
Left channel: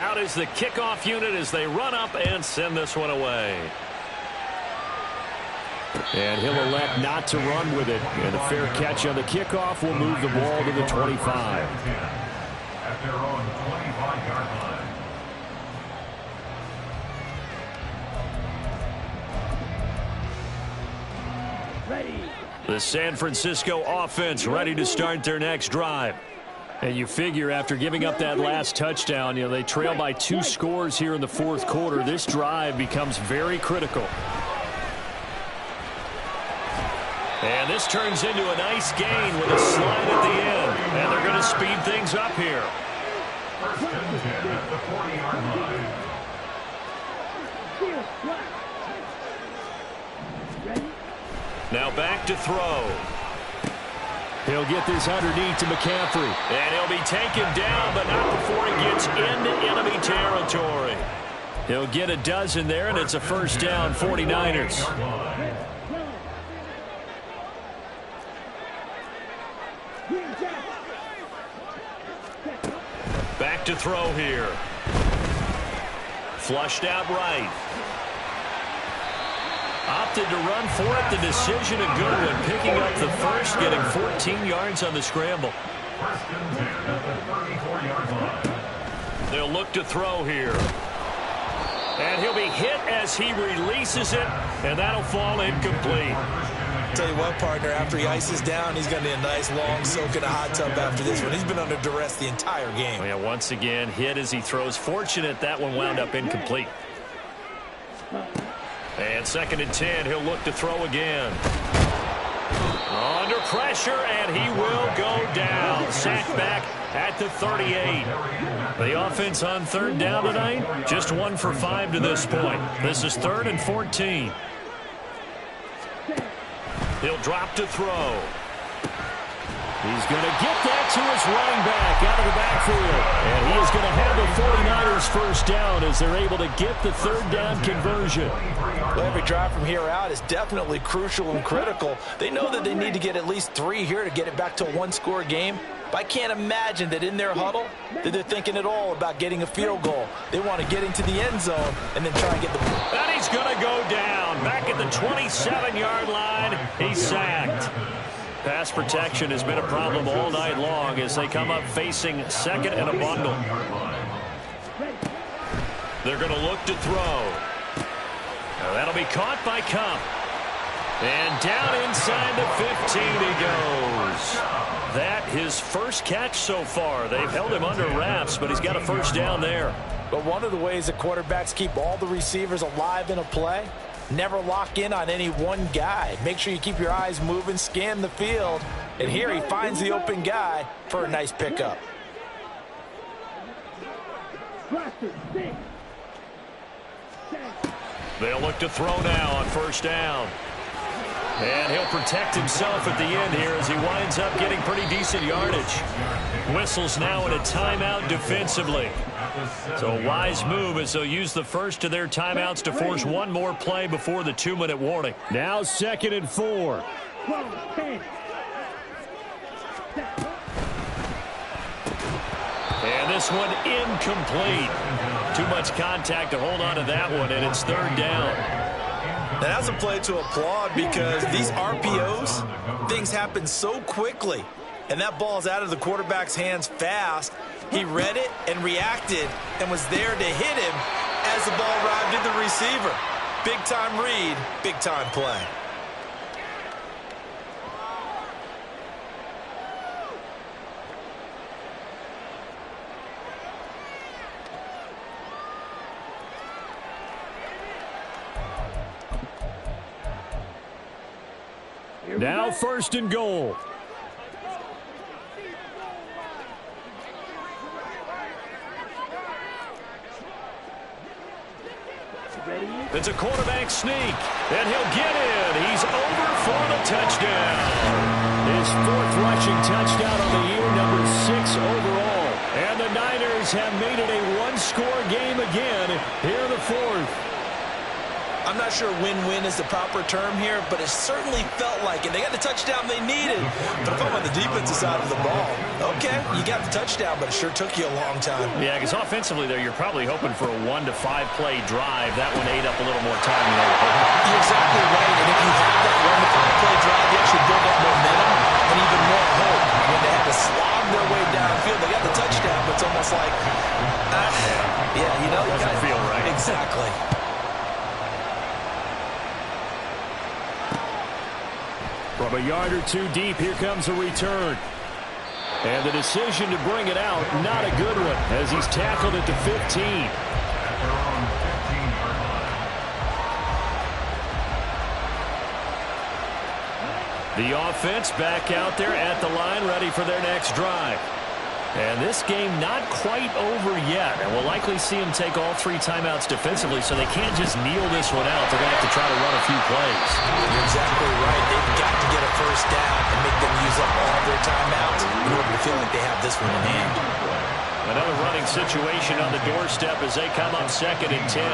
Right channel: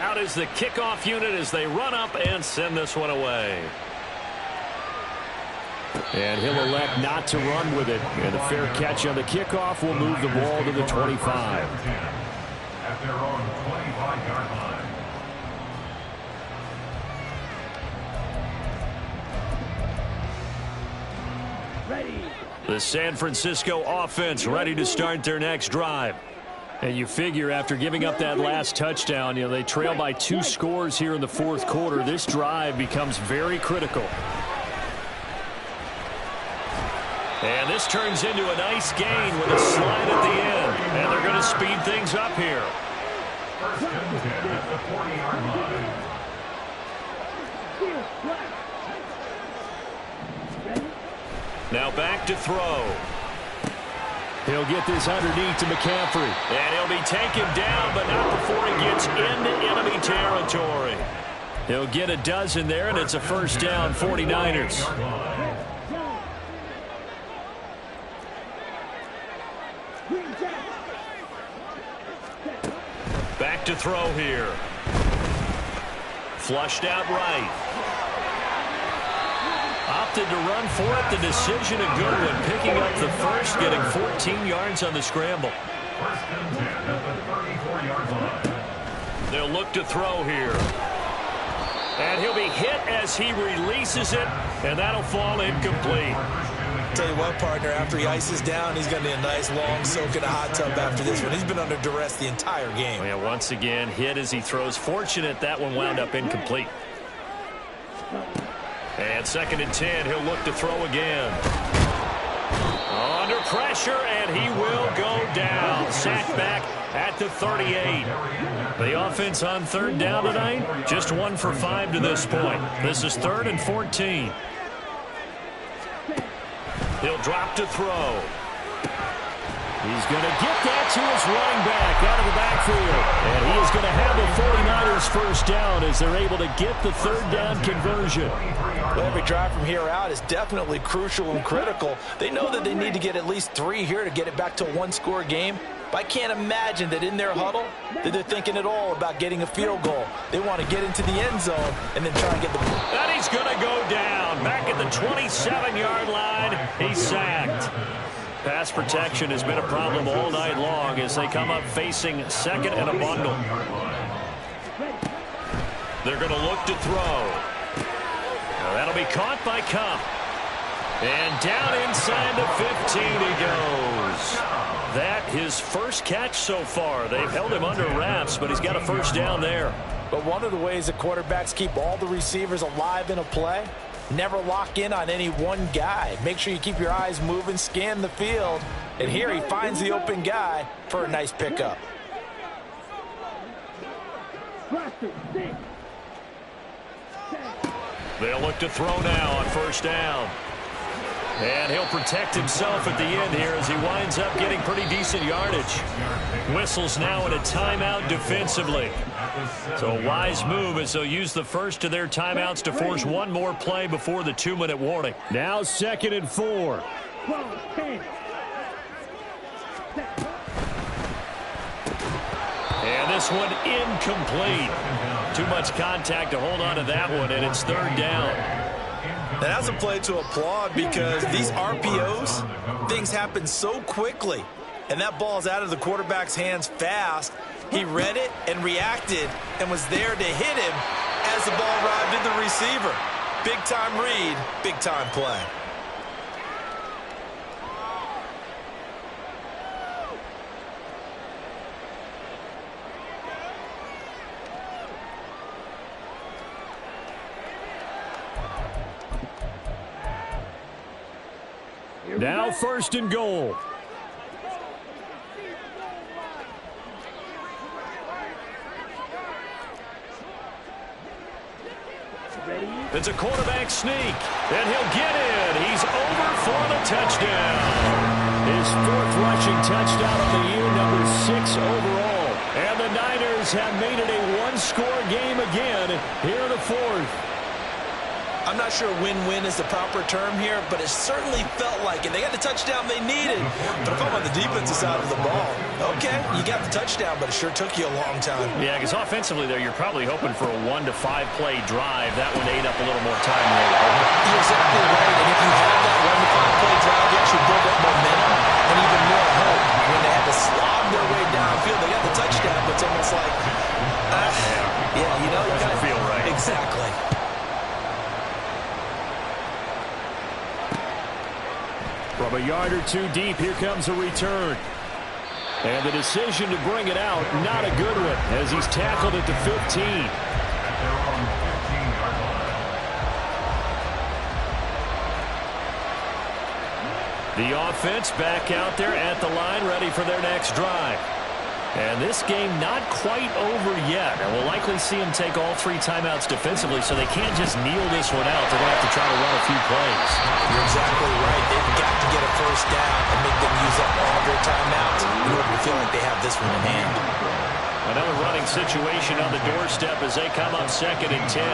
Out is the kickoff unit as they run up and send this one away. And he'll elect not to run with it. And a fair catch on the kickoff will move the ball to the 25. At their own 25-yard line. Ready. The San Francisco offense ready to start their next drive. And you figure after giving up that last touchdown, they trail by 2 scores here in the fourth quarter. This drive becomes very critical. And this turns into a nice gain with a slide at the end. And they're going to speed things up here. First and 10 at the 40-yard line. Now back to throw. He'll get this underneath to McCaffrey. And he'll be taken down, but not before he gets into enemy territory. He'll get a dozen there, and it's a first down, 49ers. Back to throw here. Flushed out right. Opted to run for it. The decision a good one. Picking up the first, getting 14 yards on the scramble. First and 10 at the 34-yard line. They'll look to throw here. And he'll be hit as he releases it, and that'll fall incomplete. Tell you what, partner, after he ices down, he's going to need a nice long soak in a hot tub after this one. He's been under duress the entire game. Oh, yeah, once again, hit as he throws. Fortunate that one wound up incomplete. And second and 10, he'll look to throw again. Under pressure, and he will go down. Sacked back at the 38. The offense on third down tonight, just 1 for 5 to this point. This is 3rd and 14. He'll drop to throw. He's going to get that to his running back out of the backfield. And he is going to have the 49ers first down as they're able to get the third down conversion. Well, every drive from here out is definitely crucial and critical. They know that they need to get at least 3 here to get it back to a 1-score game. But I can't imagine that in their huddle that they're thinking at all about getting a field goal. They want to get into the end zone and then try and get the ball. And he's going to go down. Back at the 27-yard line, he's sacked. Pass protection has been a problem all night long as they come up facing second and a bundle. They're going to look to throw. Now that'll be caught by Cup. And down inside the 15 he goes. That his first catch so far. They've held him under wraps, but he's got a first down there. But one of the ways that quarterbacks keep all the receivers alive in a play, never lock in on any one guy. Make sure you keep your eyes moving, scan the field. And here he finds the open guy for a nice pickup. They'll look to throw now on first down. And he'll protect himself at the end here as he winds up getting pretty decent yardage. Whistles now in a timeout defensively. So a wise move as they'll use the first of their timeouts to force one more play before the 2-minute warning. Now 2nd and 4. And this one incomplete. Too much contact to hold on to that one, and it's 3rd down. And that's a play to applaud because these RPOs, things happen so quickly. And that ball's out of the quarterback's hands fast. He read it and reacted and was there to hit him as the ball arrived at the receiver. Big-time read, big-time play. Now 1st and goal. It's a quarterback sneak, and he'll get in. He's over for the touchdown. His 4th rushing touchdown on the year, number 6 overall. And the Niners have made it a 1-score game again here in the 4th. I'm not sure win-win is the proper term here, but it certainly felt like it. They got the touchdown they needed. But if I'm on the defensive side of the ball, okay, you got the touchdown, but it sure took you a long time. Yeah, because offensively there, you're probably hoping for a 1 to 5 play drive. That one ate up a little more time than they were hoping. You're exactly right, and if you have that 1 to 5 play drive, you actually build up momentum and even more hope. When they had to slog their way downfield, they got the touchdown, but it's almost like, yeah, you know, you doesn't feel right. Exactly. From a yard or two deep, here comes a return. And the decision to bring it out, not a good one, as he's tackled at the 15. At their own 15-yard line. The offense back out there at the line, ready for their next drive. And this game not quite over yet. And we'll likely see them take all 3 timeouts defensively, so they can't just kneel this one out. They're going to have to try to run a few plays. You're exactly right. They've got to get a first down and make them use up all their timeouts in order to feel like they have this one in hand. Another running situation on the doorstep as they come up 2nd and 10.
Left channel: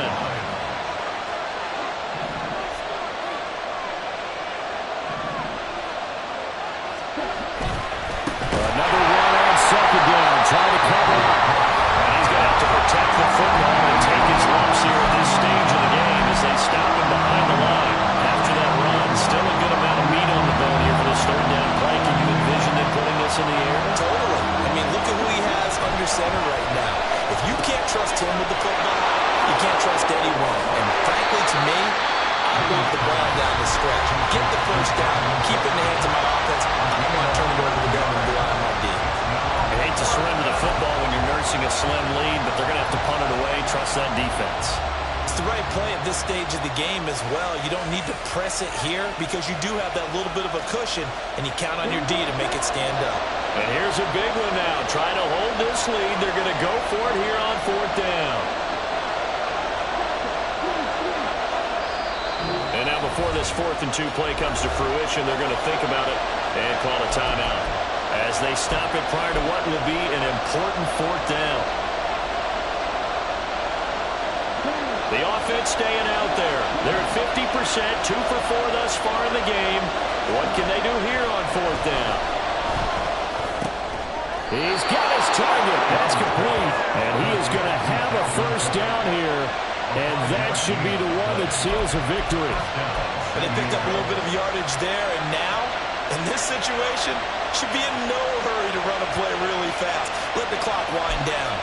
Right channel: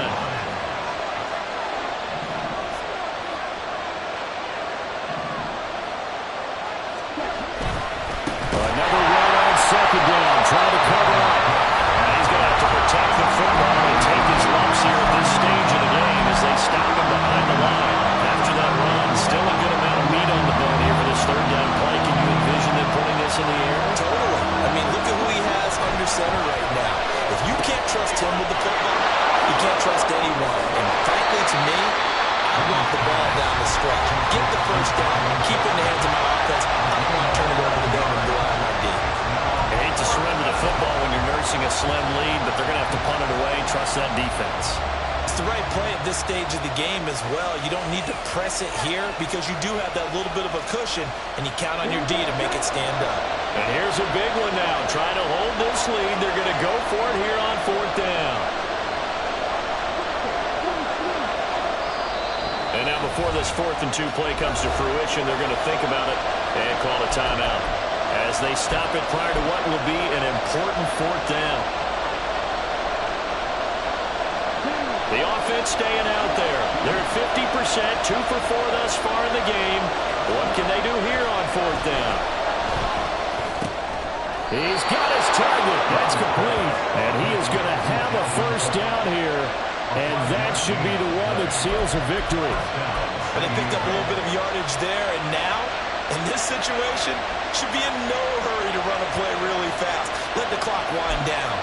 Another run on 2nd down, trying to cover up. And he's going to have to protect the football and take his lumps here at this stage of the game as they stop him behind the line. After that run, still a good amount of meat on the bone here for this 3rd down play. Can you envision them putting this in the air? Totally. I mean, look at who he has under center right now. If you can't trust him with the football, you can't trust anyone. And frankly, to me, I want the ball down the stretch. Get the first down, keep it in the hands of my offense. I don't want to turn it over to them and rely on my D. I hate to surrender the football when you're nursing a slim lead, but they're going to have to punt it away. Trust that defense. It's the right play at this stage of the game as well. You don't need to press it here because you do have that little bit of a cushion, and you count on your D to make it stand up. And here's a big one now. Trying to hold this lead. They're going to go for it here on 4th down. And now before this 4th and 2 play comes to fruition, they're going to think about it and call a timeout as they stop it prior to what will be an important 4th down. The offense staying out there. They're at 50%, 2 for 4 thus far in the game. What can they do here on 4th down? He's got his target. That's complete. And he is going to have a first down here. And that should be the one that seals a victory. But they picked up a little bit of yardage there, and now, in this situation, should be in no hurry to run a play really fast. Let the clock wind down.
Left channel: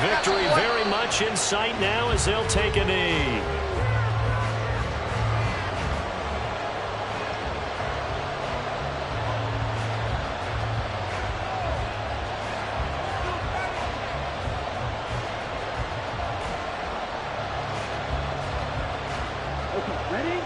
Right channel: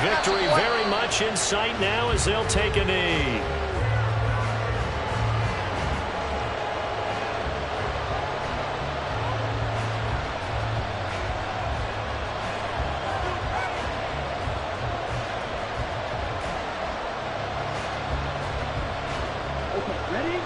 Victory very much in sight now as they'll take a knee. Okay, ready?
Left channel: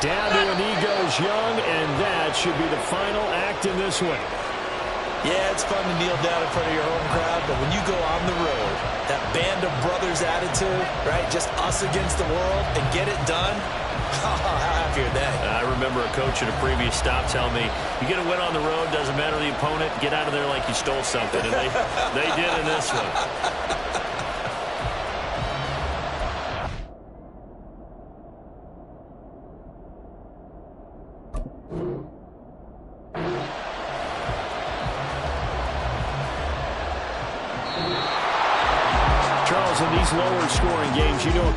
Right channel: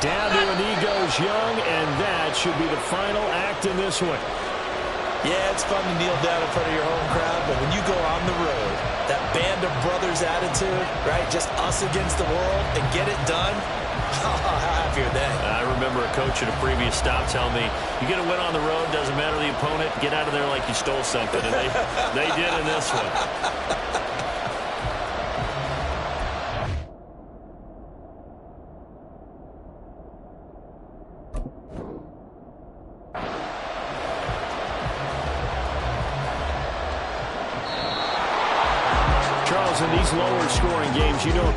Down to a knee goes Young, and that should be the final act in this one. Yeah, it's fun to kneel down in front of your home crowd, but when you go on the road, that band of brothers attitude, right, just us against the world, and get it done, how happy are they? I remember a coach at a previous stop telling me, you get a win on the road, doesn't matter the opponent, get out of there like you stole something, and they did in this one. Charles, in these lower scoring games, you know